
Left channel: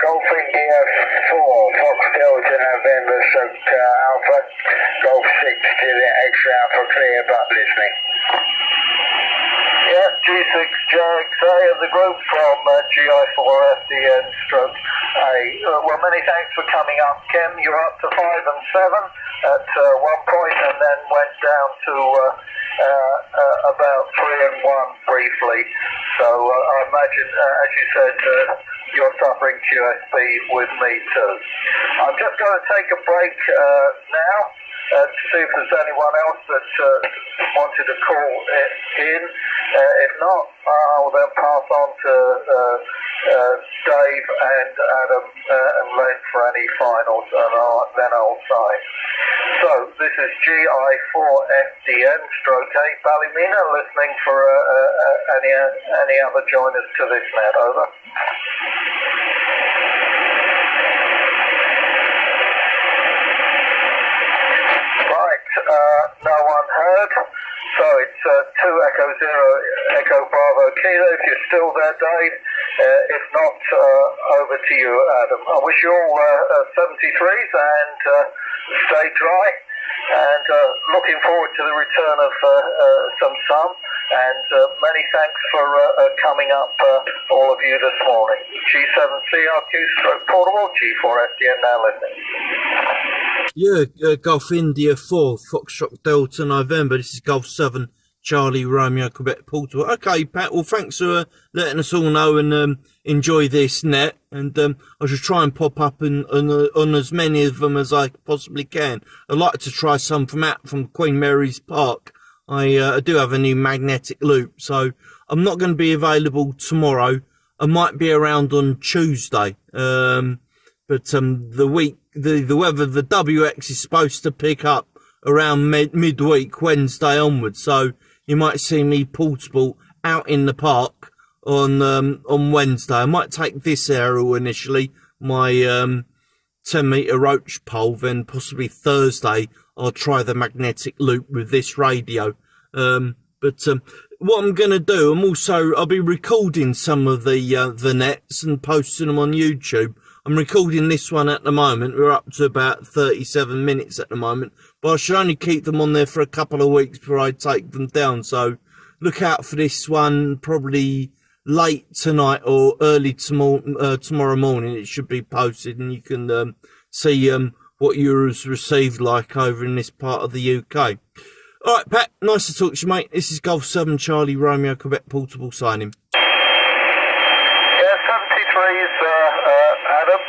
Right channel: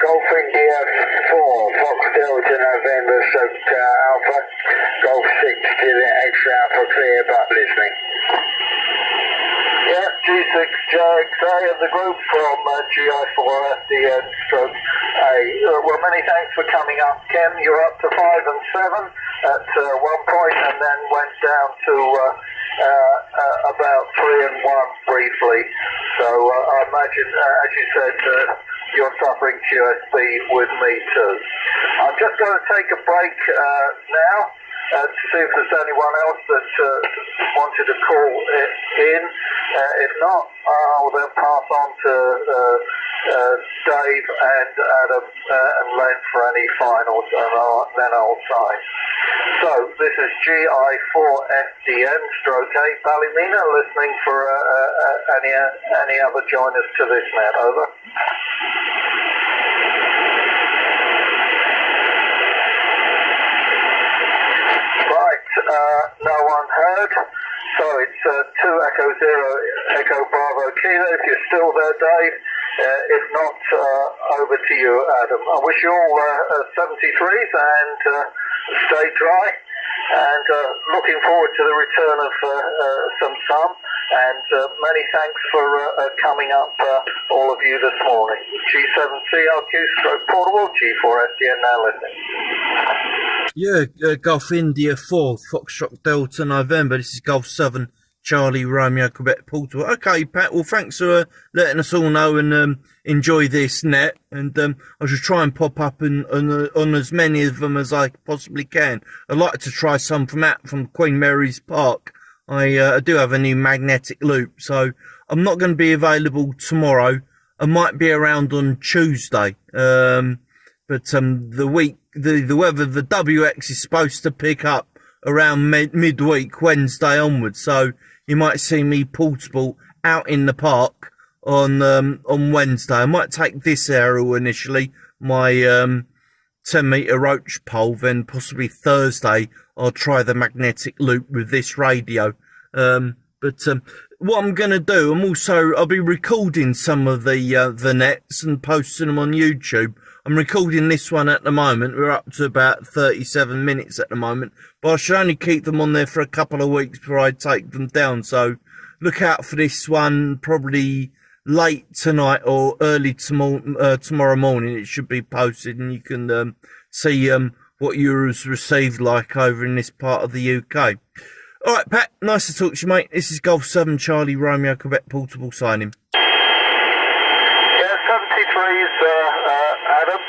Golf India 4, Fox Delta November Alpha, Golf 6 Juliet X-Ray Alpha, clear but listening. Yeah, G6JXA of the group from GI4 FDN stroke A. Well, many thanks for coming up, Kim. You're up to 5 and 7 at one point, and then went down to about 3 and 1 briefly. So I imagine, as you said, you're suffering QSB with me too. I'm just going to take a break now. To see if there's anyone else that wanted to call in. If not, I'll then pass on to Dave and Adam and Len for any finals, and then I'll sign. So, this is GI4FDN stroke 8 Ballymena, listening for any other joiners to this net, over. Right, no one heard. So it's 2 Echo 0 Echo Bravo Kilo. If you're still there, Dave. If not, over to you, Adam. I wish you all 73s and stay dry. And looking forward to the return of some sun. And many thanks for coming up, all of you this morning. G7CRQ stroke portable, G4FDN now listening. Yeah, Golf India 4, Foxtrot Delta November. This is Golf 7, Charlie Romeo Quebec Portable. Okay, Pat, well, thanks for letting us all know and enjoy this net. And I should try and pop up on as many of them as I possibly can. I'd like to try some from Queen Mary's Park. I do have a new magnetic loop, so I'm not going to be available tomorrow. I might be around on Tuesday. But the weather, the WX is supposed to pick up around midweek, Wednesday onwards. So you might see me portable out in the park on Wednesday. I might take this aerial initially, my 10-meter roach pole, then possibly Thursday I'll try the magnetic loop with this radio. But what I'm going to do, I'll be recording some of the nets and posting them on YouTube. I'm recording this one at the moment. We're up to about 37 minutes at the moment, but I should only keep them on there for a couple of weeks before I take them down. So look out for this one probably late tonight or early tomorrow morning. It should be posted, and you can see what yours received like over in this part of the UK. All right, Pat, nice to talk to you, mate. This is Golf 7 Charlie Romeo Quebec Portable signing. Yeah, 73s, Adam.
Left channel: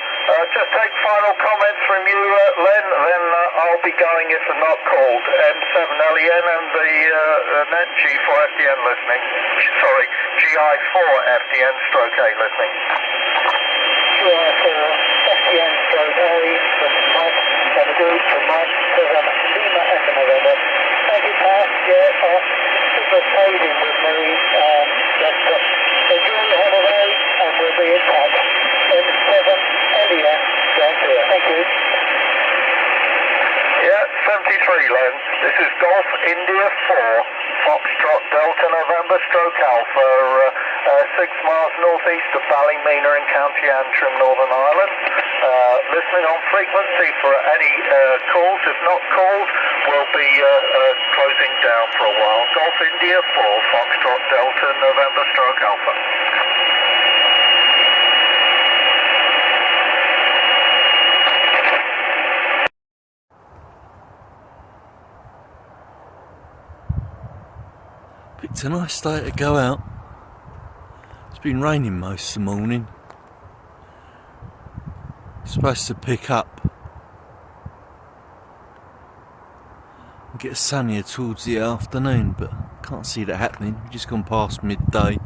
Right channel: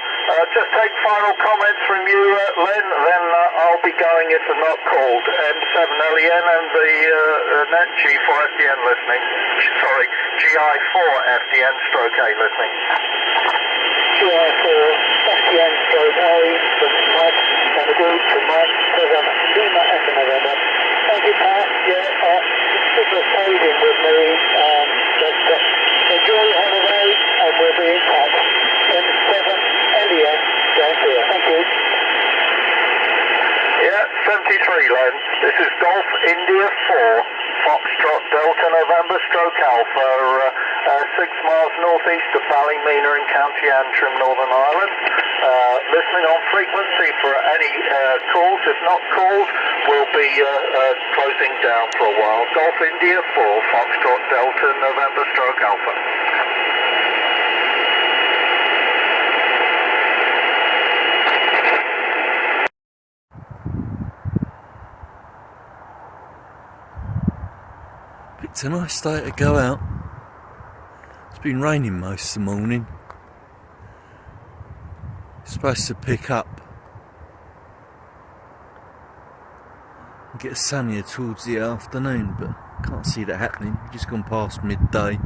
Just take final comments from you, Len, then I'll be going if they're not called. M7LEN and the net G4FDN listening. Sorry, GI4FDN stroke A listening. GI4FDN stroke A from Mike, and the group from Mike 7 Lima Echo November. Thank you, Pat. Yeah, super trading with me. Enjoy your holiday, and we'll be in touch. M7 LEN, down here. Thank you. Yeah, 73 Len. This is Golf India 4, Foxtrot Delta November stroke Alpha, 6 miles northeast of Ballymena in County Antrim, Northern Ireland. Listening on frequency for any calls. If not called, we'll be closing down for a while. Golf India 4, Foxtrot Delta November stroke Alpha. Picked a nice day to go out. It's been raining most of the morning. It's supposed to pick up and get sunnier towards the afternoon, but can't see that happening. Just gone past midday.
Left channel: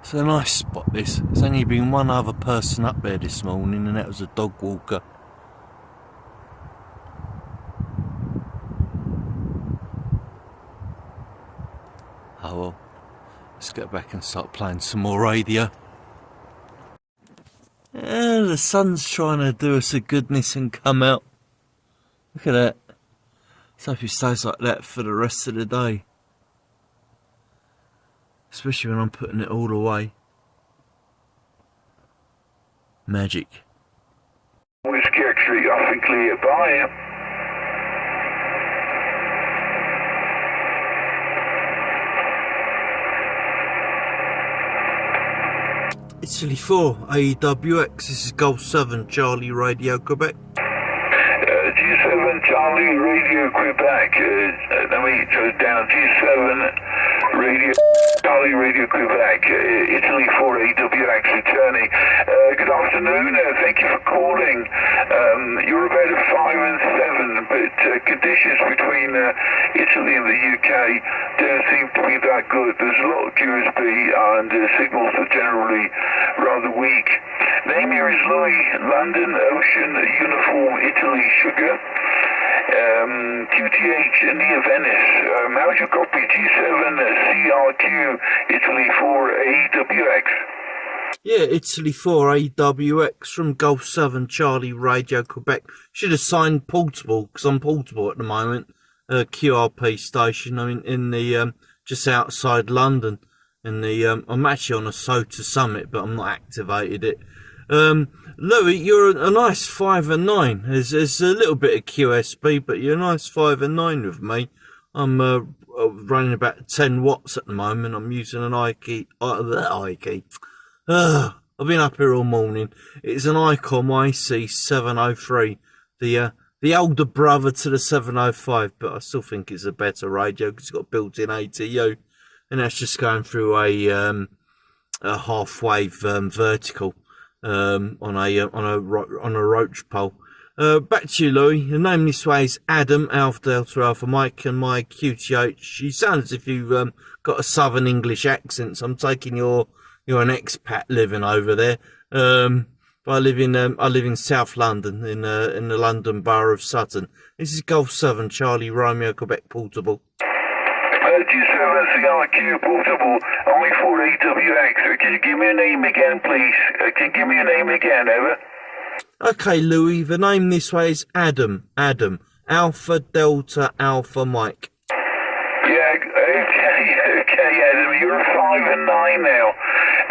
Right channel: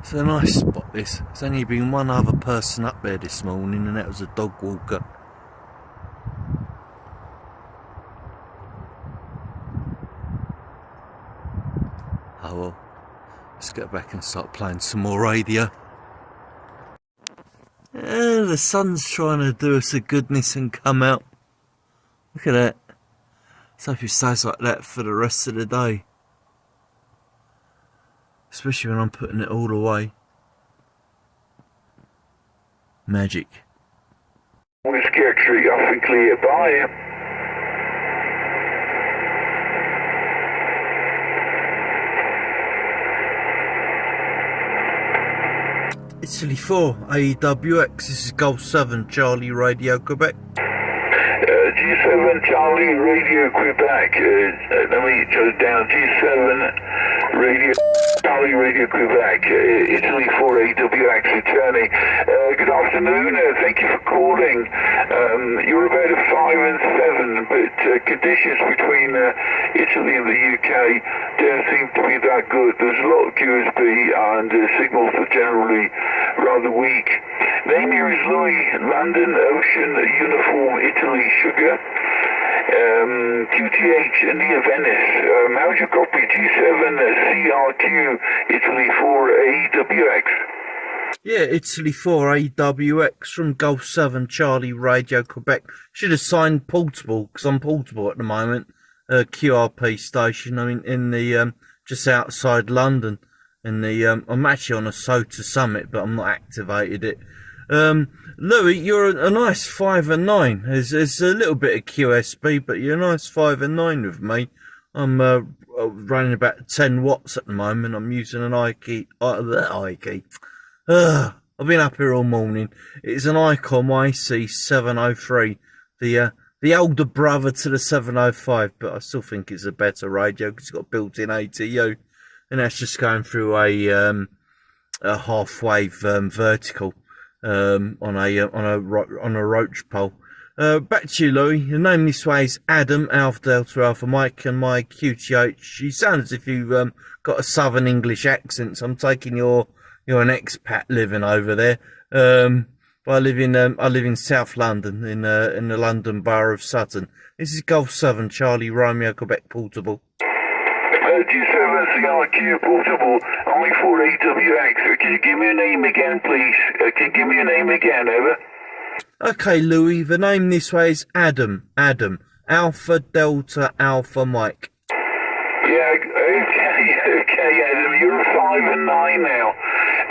It's a nice spot, this. There's only been one other person up there this morning, and that was a dog walker. Oh well, let's get back and start playing some more radio. The sun's trying to do us a goodness and come out. Look at that. Let's hope it stays like that for the rest of the day. Especially when I'm putting it all away. Magic. Whiskey X-ray, off and clear, bye. Italy 4, AEWX, this is Golf 7, Charlie Radio Quebec. G7 Charlie Radio Quebec, let me go down, G7 Radio Charlie Radio Quebec, Italy 4 AWX returning. Good afternoon, thank you for calling. You're about 5 and 7, but conditions between Italy and the UK don't seem to be that good. There's a lot of QSB and signals are generally rather weak. Name here is Louis, London, Ocean, Uniform, Italy, Sugar. QTH, near Venice. How's your copy? G7, CRQ, Italy 4, AWX. Yeah, Italy 4 AWX from Golf 7 Charlie Radio Quebec. Should have signed portable, because I'm portable at the moment. QRP station. I mean, in the just outside London. In the I'm actually on a SOTA summit, but I'm not activated it. Louis, you're a nice 5 and 9. There's a little bit of QSB, but you're a nice 5 and 9 with me. I'm running about 10 watts at the moment. I'm using an Ike. I've been up here all morning. It's an ICOM IC703, the older brother to the 705, but I still think it's a better radio because it's got built-in ATU, and that's just going through a half-wave vertical on a roach pole. Back to you, Louis. Your name this way is Adam, Alpha Delta Alpha Mike, and my QTH. You sound as if you've got a Southern English accent, so I'm taking you're an expat living over there. I live in South London, in the London borough of Sutton. This is Golf 7 Charlie Romeo Quebec Portable. G7 CRQ Portable, only for AWX. Can you give me a name again, please? Can you give me a name again, over? Okay, Louis, the name this way is Adam, Alpha Delta Alpha Mike. Yeah, okay, Adam, you're a 5 and 9 now.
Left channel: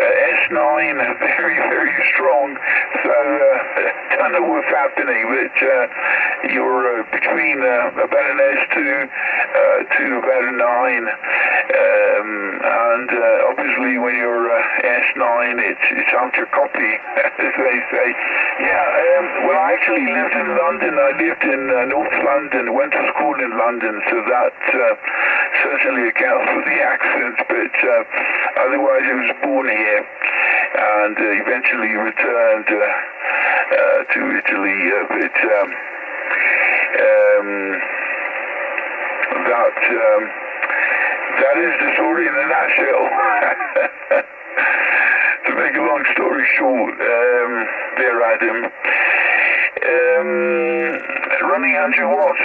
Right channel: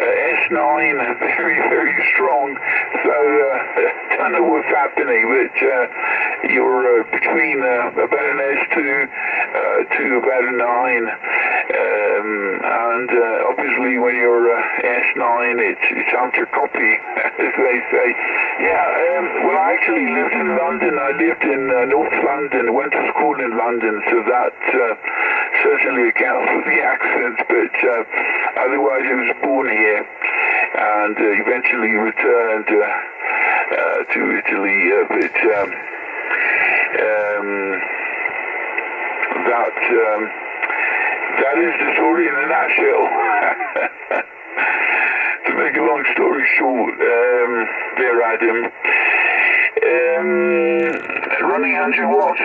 S9, very, very strong. So, don't know what's happening, but you're between about an S2 to about a 9. And obviously when you're S9, it's on your copy, as they say. Yeah, well, I actually lived in London. I lived in North London, went to school in London, so that certainly accounts for the accent, but otherwise I was born here and eventually returned to Italy, but that is the story in a nutshell. To make a long story short, there, Adam, running 100 watts,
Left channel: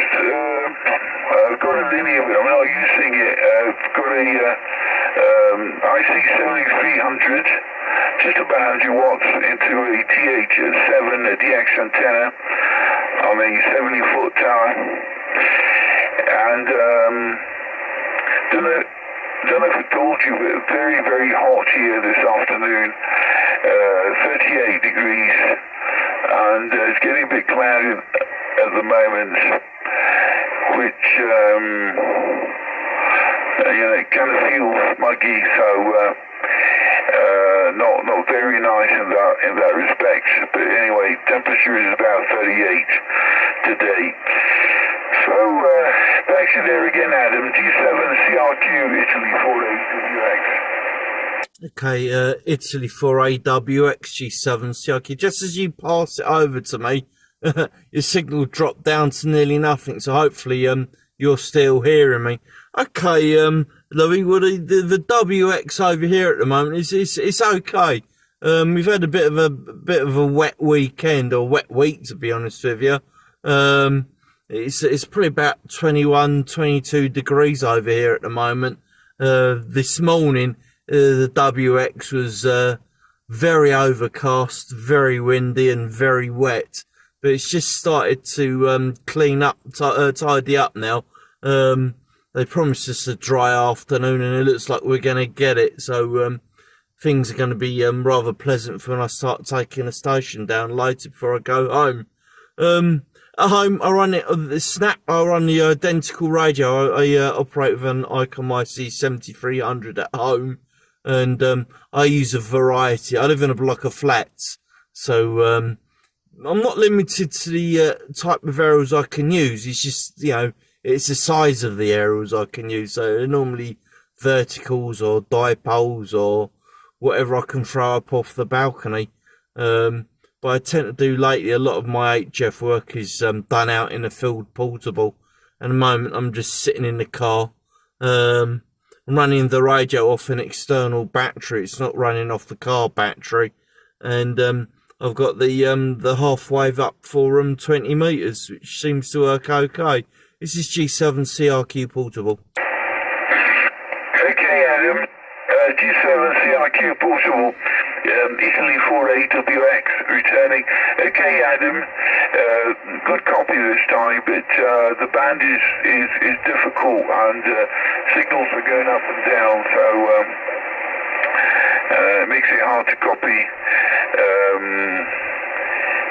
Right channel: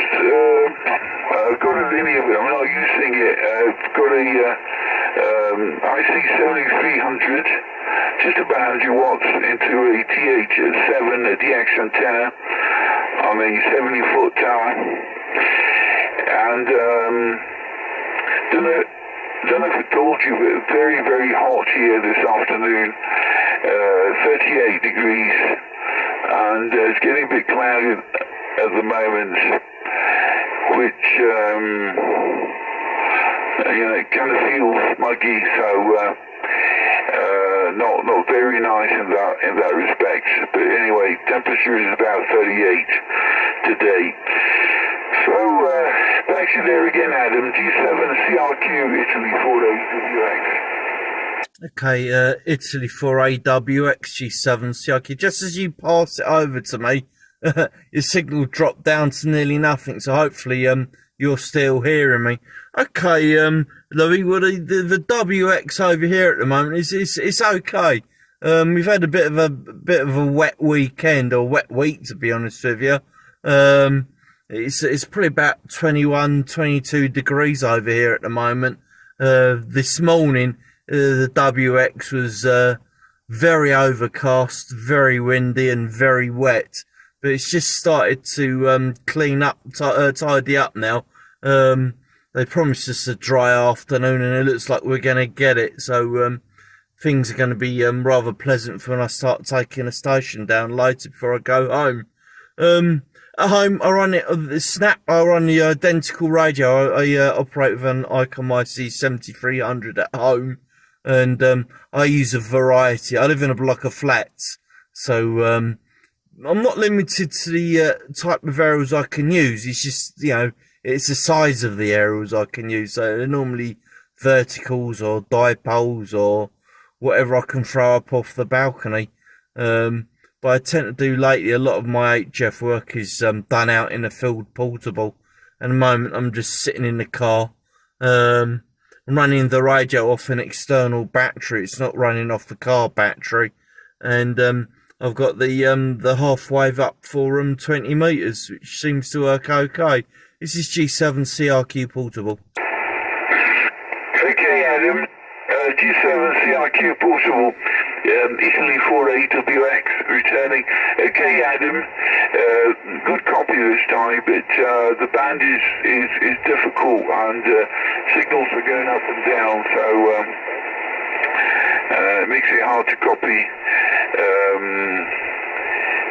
I've got a linear, I'm not using it, I've got a IC7300, just about 100 watts into a TH7 DX antenna on a 70-foot tower, and don't know if I told you, but very, very hot here this afternoon, 38 degrees, and it's getting a bit cloudy at the moment, which it kind of feels muggy, so not very nice in that respect. But anyway, temperature is about 38 today. So back to there again, Adam. G7 CRQ Italy 4 AWX. Okay, Italy 4 AWX G7 CRQ. Just as you pass it over to me, your signal dropped down to nearly nothing. So hopefully you're still hearing me. Okay, Louis, well, the WX over here at the moment it's okay. We've had a bit of a wet weekend, or wet week, to be honest with you. It's probably about 21, 22 degrees over here at the moment. This morning, the WX was very overcast, very windy, and very wet. But it's just started to clean up, tidy up now. They promised us a dry afternoon, and it looks like we're going to get it. So things are going to be rather pleasant for when I start taking the station down later before I go home. At home, I run I run the identical radio. I operate with an ICOM IC7300 at home, and I use a variety. I live in a block of flats, so I'm not limited to the type of aerials I can use. It's just, it's the size of the aerials I can use. So they're normally verticals or dipoles or whatever I can throw up off the balcony. but I tend to do lately, a lot of my HF work is done out in a field portable. At the moment, I'm just sitting in the car. I'm running the radio off an external battery. It's not running off the car battery, and I've got the half wave up for 20 meters, which seems to work okay. This is G7 CRQ portable. Okay, Adam. G7 CRQ portable. Italy 4AWX returning. Okay, Adam. Good copy this time, but the band is difficult and signals are going up and down, so it makes it hard to copy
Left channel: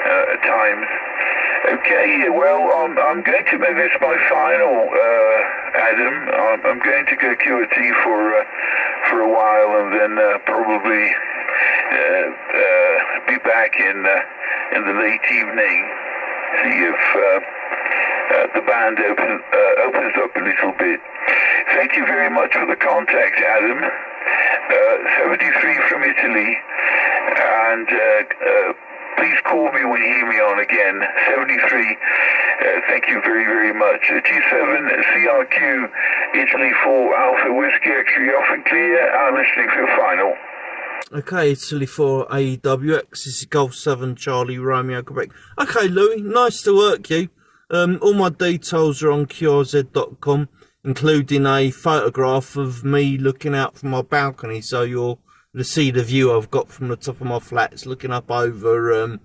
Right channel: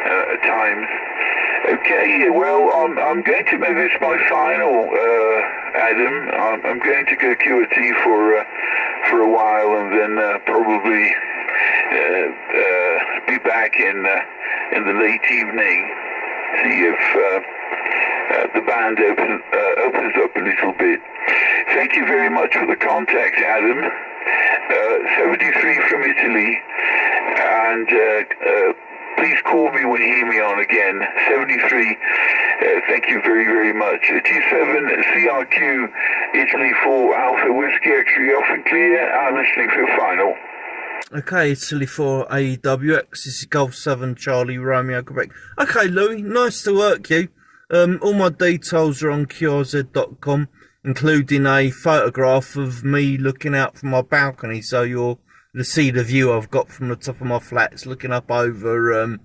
at times. Okay, well, I'm going to make this my final, Adam. I'm going to go QRT for a while and then probably be back in the late evening. See if the band opens up a little bit. Thank you very much for the contact, Adam. 73 from Italy, and please call me when you hear me on again. 73. Thank you very, very much. G7 CRQ Italy 4 Alpha Whiskey X-ray off and clear. I'm listening for the final. Okay, Italy 4 AWX. This is Golf 7 Charlie Romeo Quebec. Okay, Louis, nice to work you. All my details are on qrz.com, including a photograph of me looking out from my balcony, so you'll see the view I've got from the top of my flats looking up over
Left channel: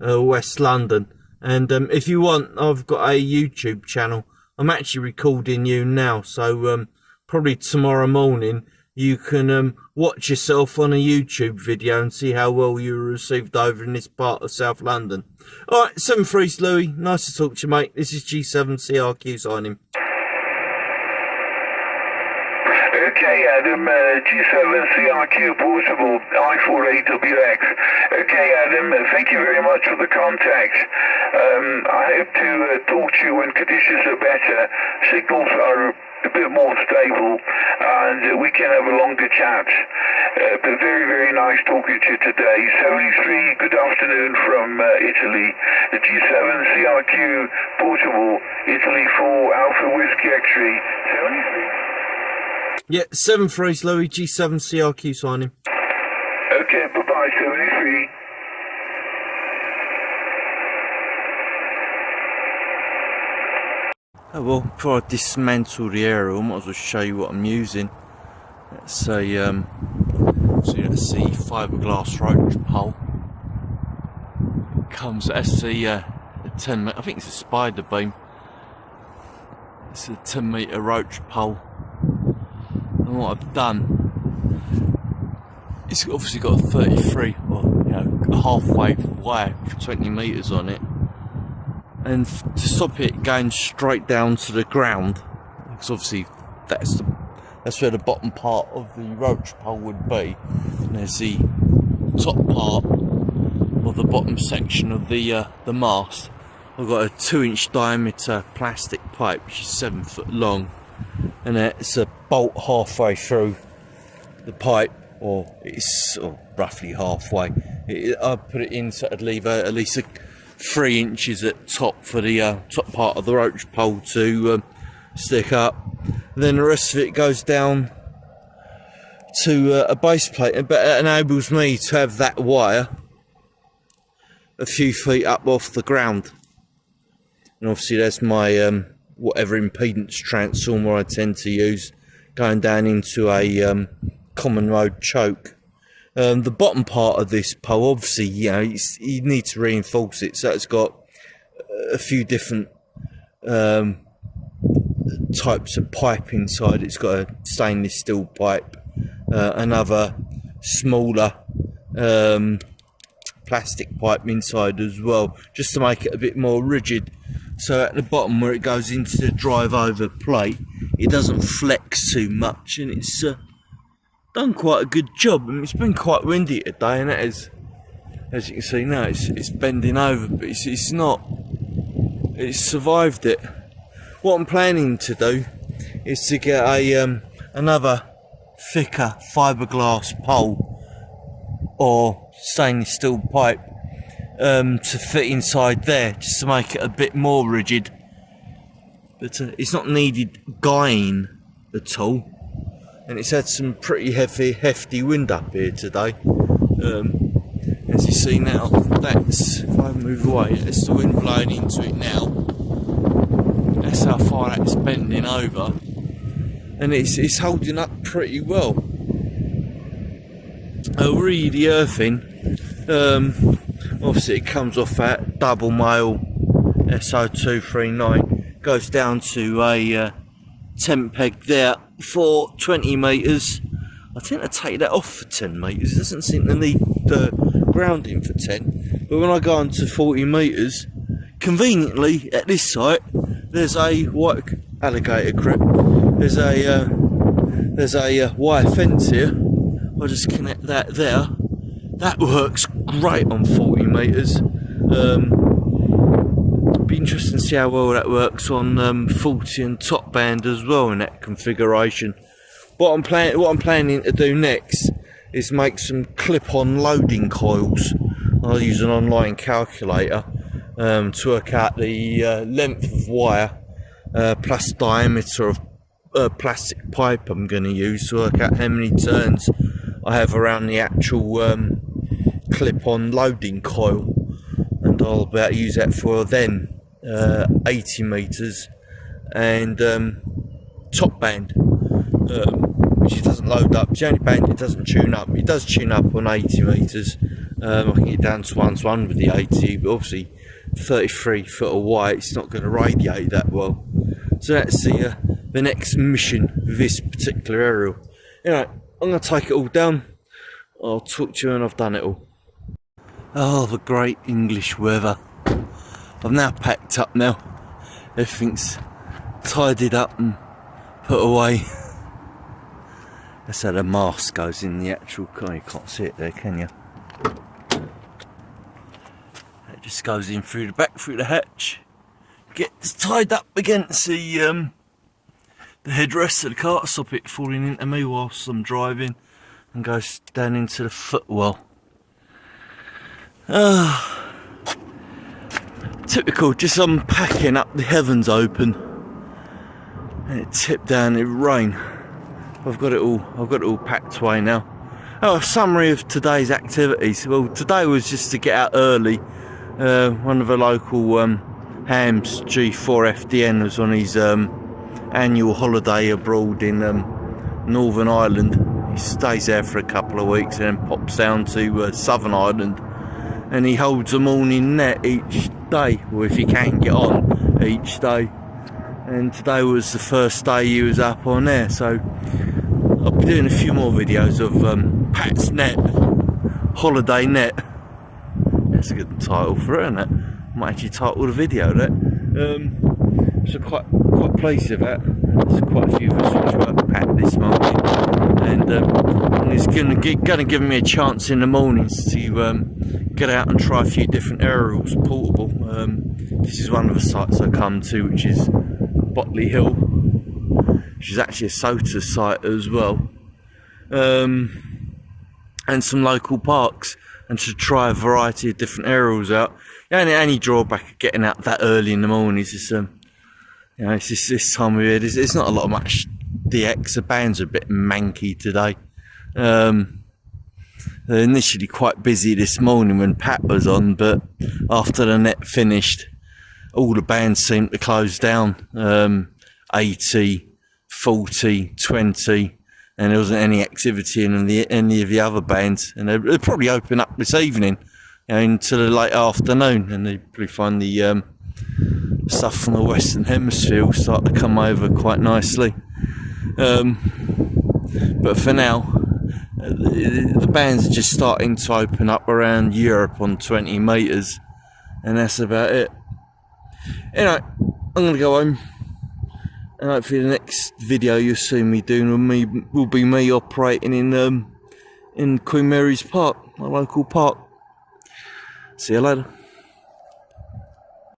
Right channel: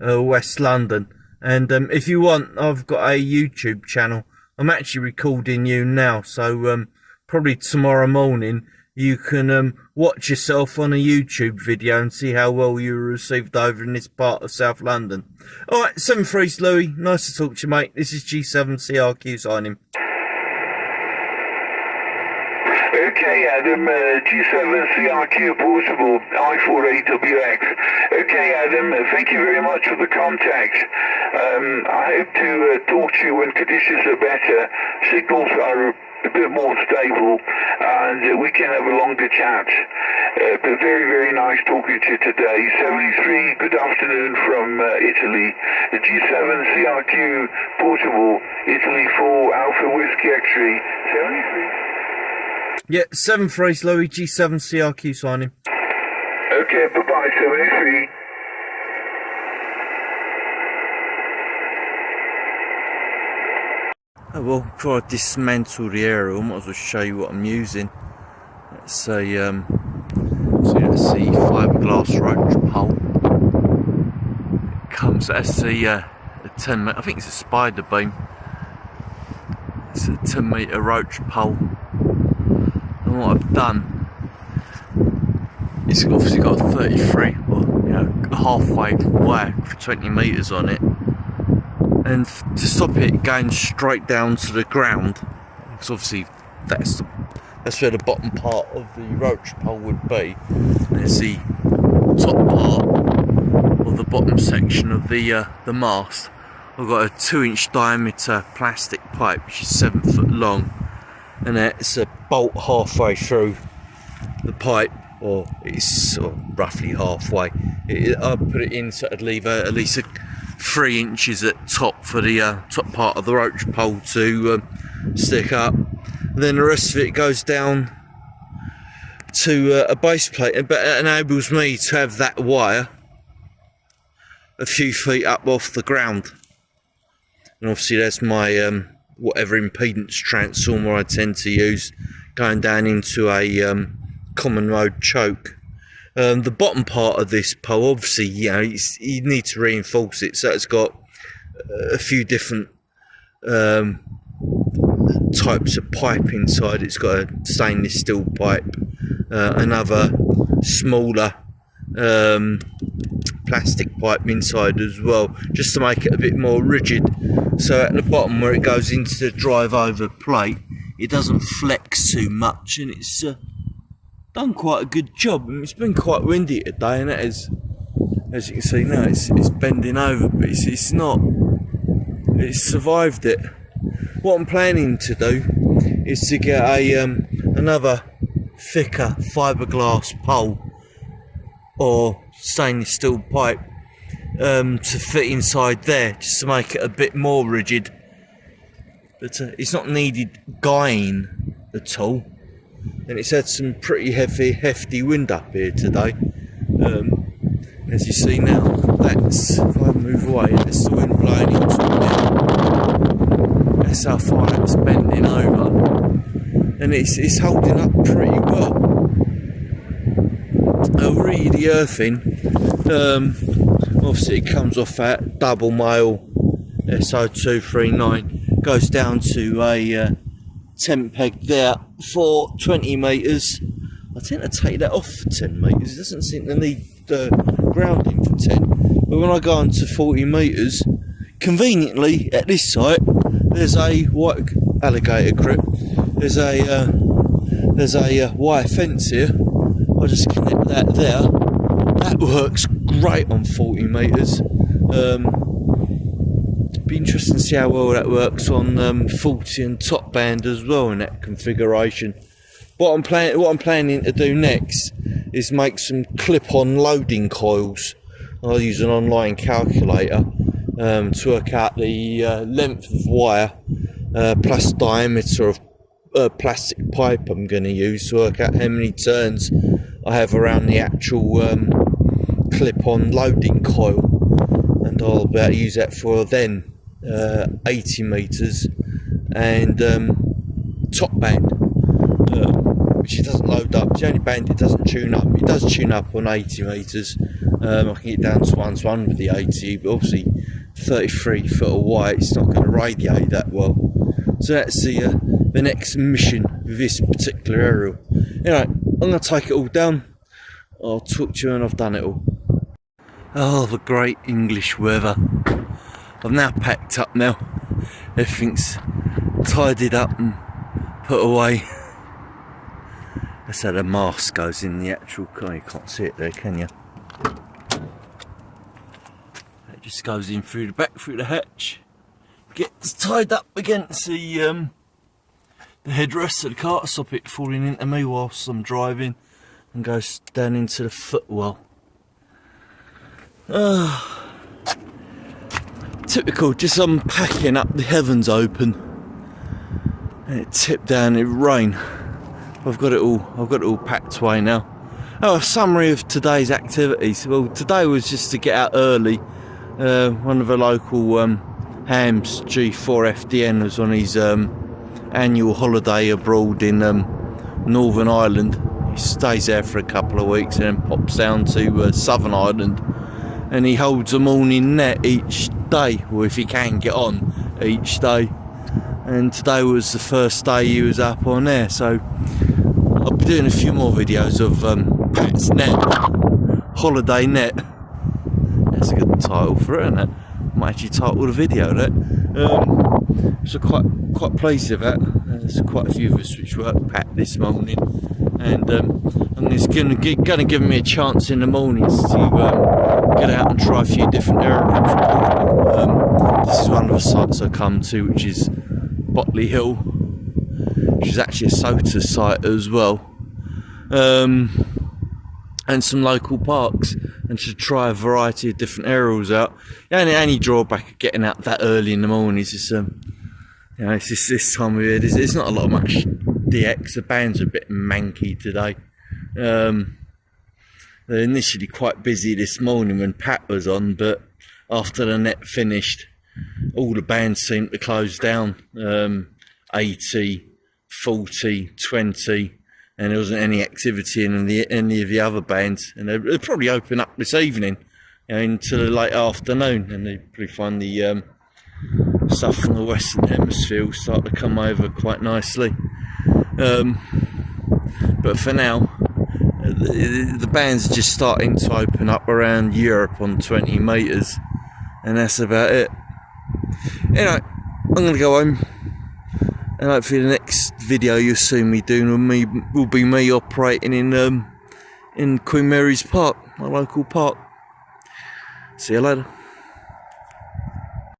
West London. And if you want, I've got a YouTube channel. I'm actually recording you now, so probably tomorrow morning you can watch yourself on a YouTube video and see how well you were received over in this part of South London. Alright, 7-3 Louis, nice to talk to you, mate. This is G7 CRQ signing. Okay, Adam, G7 CRQ portable, I4AWX. Okay, Adam, thank you very much for the contact. I hope to talk to you when conditions are better, signals are a bit more stable, and we can have a longer chat. But very, very nice talking to you today. 73, good afternoon from Italy. The G7 CRQ portable, Italy 4 Alpha Whiskey X-ray. 73. Yeah, 7-3 Louis, G7 CRQ signing. Okay, bye-bye, 73. Oh well, before I dismantle the aerial, I might as well show you what I'm using. Let's say, so let's see, fiberglass roach pole. It comes, that's a 10 meter, I think it's a spider beam. It's a 10 meter roach pole. And what I've done, it's obviously got a 33, or you know, a halfway wire for 20 meters on it. And to stop it going straight down to the ground, because obviously that's where the bottom part of the roach pole would be. And there's the top part of the bottom section of the mast. I've got a 2-inch diameter plastic pipe, which is 7 foot long, and it's a bolt halfway through the pipe, or it's sort of roughly halfway. I put it in so I'd leave at least 3 inches at top for the top part of the roach pole to stick up. And then the rest of it goes down to a base plate, but it enables me to have that wire a few feet up off the ground. And obviously that's my whatever impedance transformer I tend to use, going down into a common mode choke. The bottom part of this pole, obviously, you know, you need to reinforce it, so it's got a few different types of pipe inside. It's got a stainless steel pipe, another smaller plastic pipe inside as well, just to make it a bit more rigid, so at the bottom where it goes into the drive over plate, it doesn't flex too much, and it's done quite a good job. And it's been quite windy today, and that is, as you can see now, it's bending over, but it's not, it's survived it. What I'm planning to do is to get a another thicker fiberglass pole or stainless steel pipe to fit inside there, just to make it a bit more rigid. But it's not needed guying at all, and it's had some pretty hefty wind up here today. As you see now, that's, if I move away, that's the wind blowing into it now. That's how far that's bending over, and it's holding up pretty well. Re the earthing, obviously it comes off that double male SO239, goes down to a tent peg there for 20 metres. I tend to take that off for 10 metres, it doesn't seem to need grounding for 10, but when I go on to 40 metres, conveniently at this site there's a white alligator grip, there's a wire fence here. I'll just connect that there. That works great on 40 metres. Be interesting to see how well that works on 40 and top band as well in that configuration. What I'm planning to do next is make some clip-on loading coils. I'll use an online calculator to work out the length of wire plus diameter of plastic pipe I'm going to use to work out how many turns I have around the actual clip-on loading coil, and I'll be able to use that for then 80 metres and top band, which it doesn't load up. It's the only band it doesn't tune up. It does tune up on 80 metres. I can get down to 1:1 with the 80, but obviously 33 foot of wire, it's not going to radiate that well. So that's the next mission with this particular aerial. Anyway, I'm going to take it all down. I'll talk to you when I've done it all. Oh, the great English weather. I've now packed up now. Everything's tidied up and put away. That's how the mask goes in the actual car. You can't see it there, can you? It just goes in through the back, through the hatch. Gets tied up against the headrest of the car to stop it falling into me whilst I'm driving, and goes down into the footwell. Typical, just unpacking up, the heavens open and it tipped down, it rained. I've got it all packed away now. Oh, a summary of today's activities. Well, today was just to get out early. One of the local hams, G4 FDN, was on his annual holiday abroad in Northern Ireland. He stays there for a couple of weeks and then pops down to Southern Ireland, and he holds a morning net each day, or if he can get on each day. And today was the first day he was up on there, so I'll be doing a few more videos of Pat's Net, Holiday Net. That's a good title for it, isn't it? Might actually title the video that. So quite pleased with that. There's quite a few of us which work Pat this morning, and it's going to give me a chance in the mornings to get out and try a few different aerials. This is one of the sites I come to, which is Botley Hill, which is actually a SOTA site as well, and some local parks, and to try a variety of different aerials out. The only drawback of getting out that early in the morning is it's it's just this time of year. There's not a lot of much DX. The band's are a bit manky today. They're initially quite busy this morning when Pat was on, but after the net finished, all the bands seemed to close down. 80, 40, 20, and there wasn't any activity in any of the other bands. And they'll probably open up this evening, until the late afternoon, and they probably find the stuff from the Western Hemisphere will start to come over quite nicely. But for now, the bands are just starting to open up around Europe on 20 metres, and that's about it. Anyway, I'm going to go home, and hopefully the next video you'll see me doing will be me operating in Queen Mary's Park, my local park. See you later.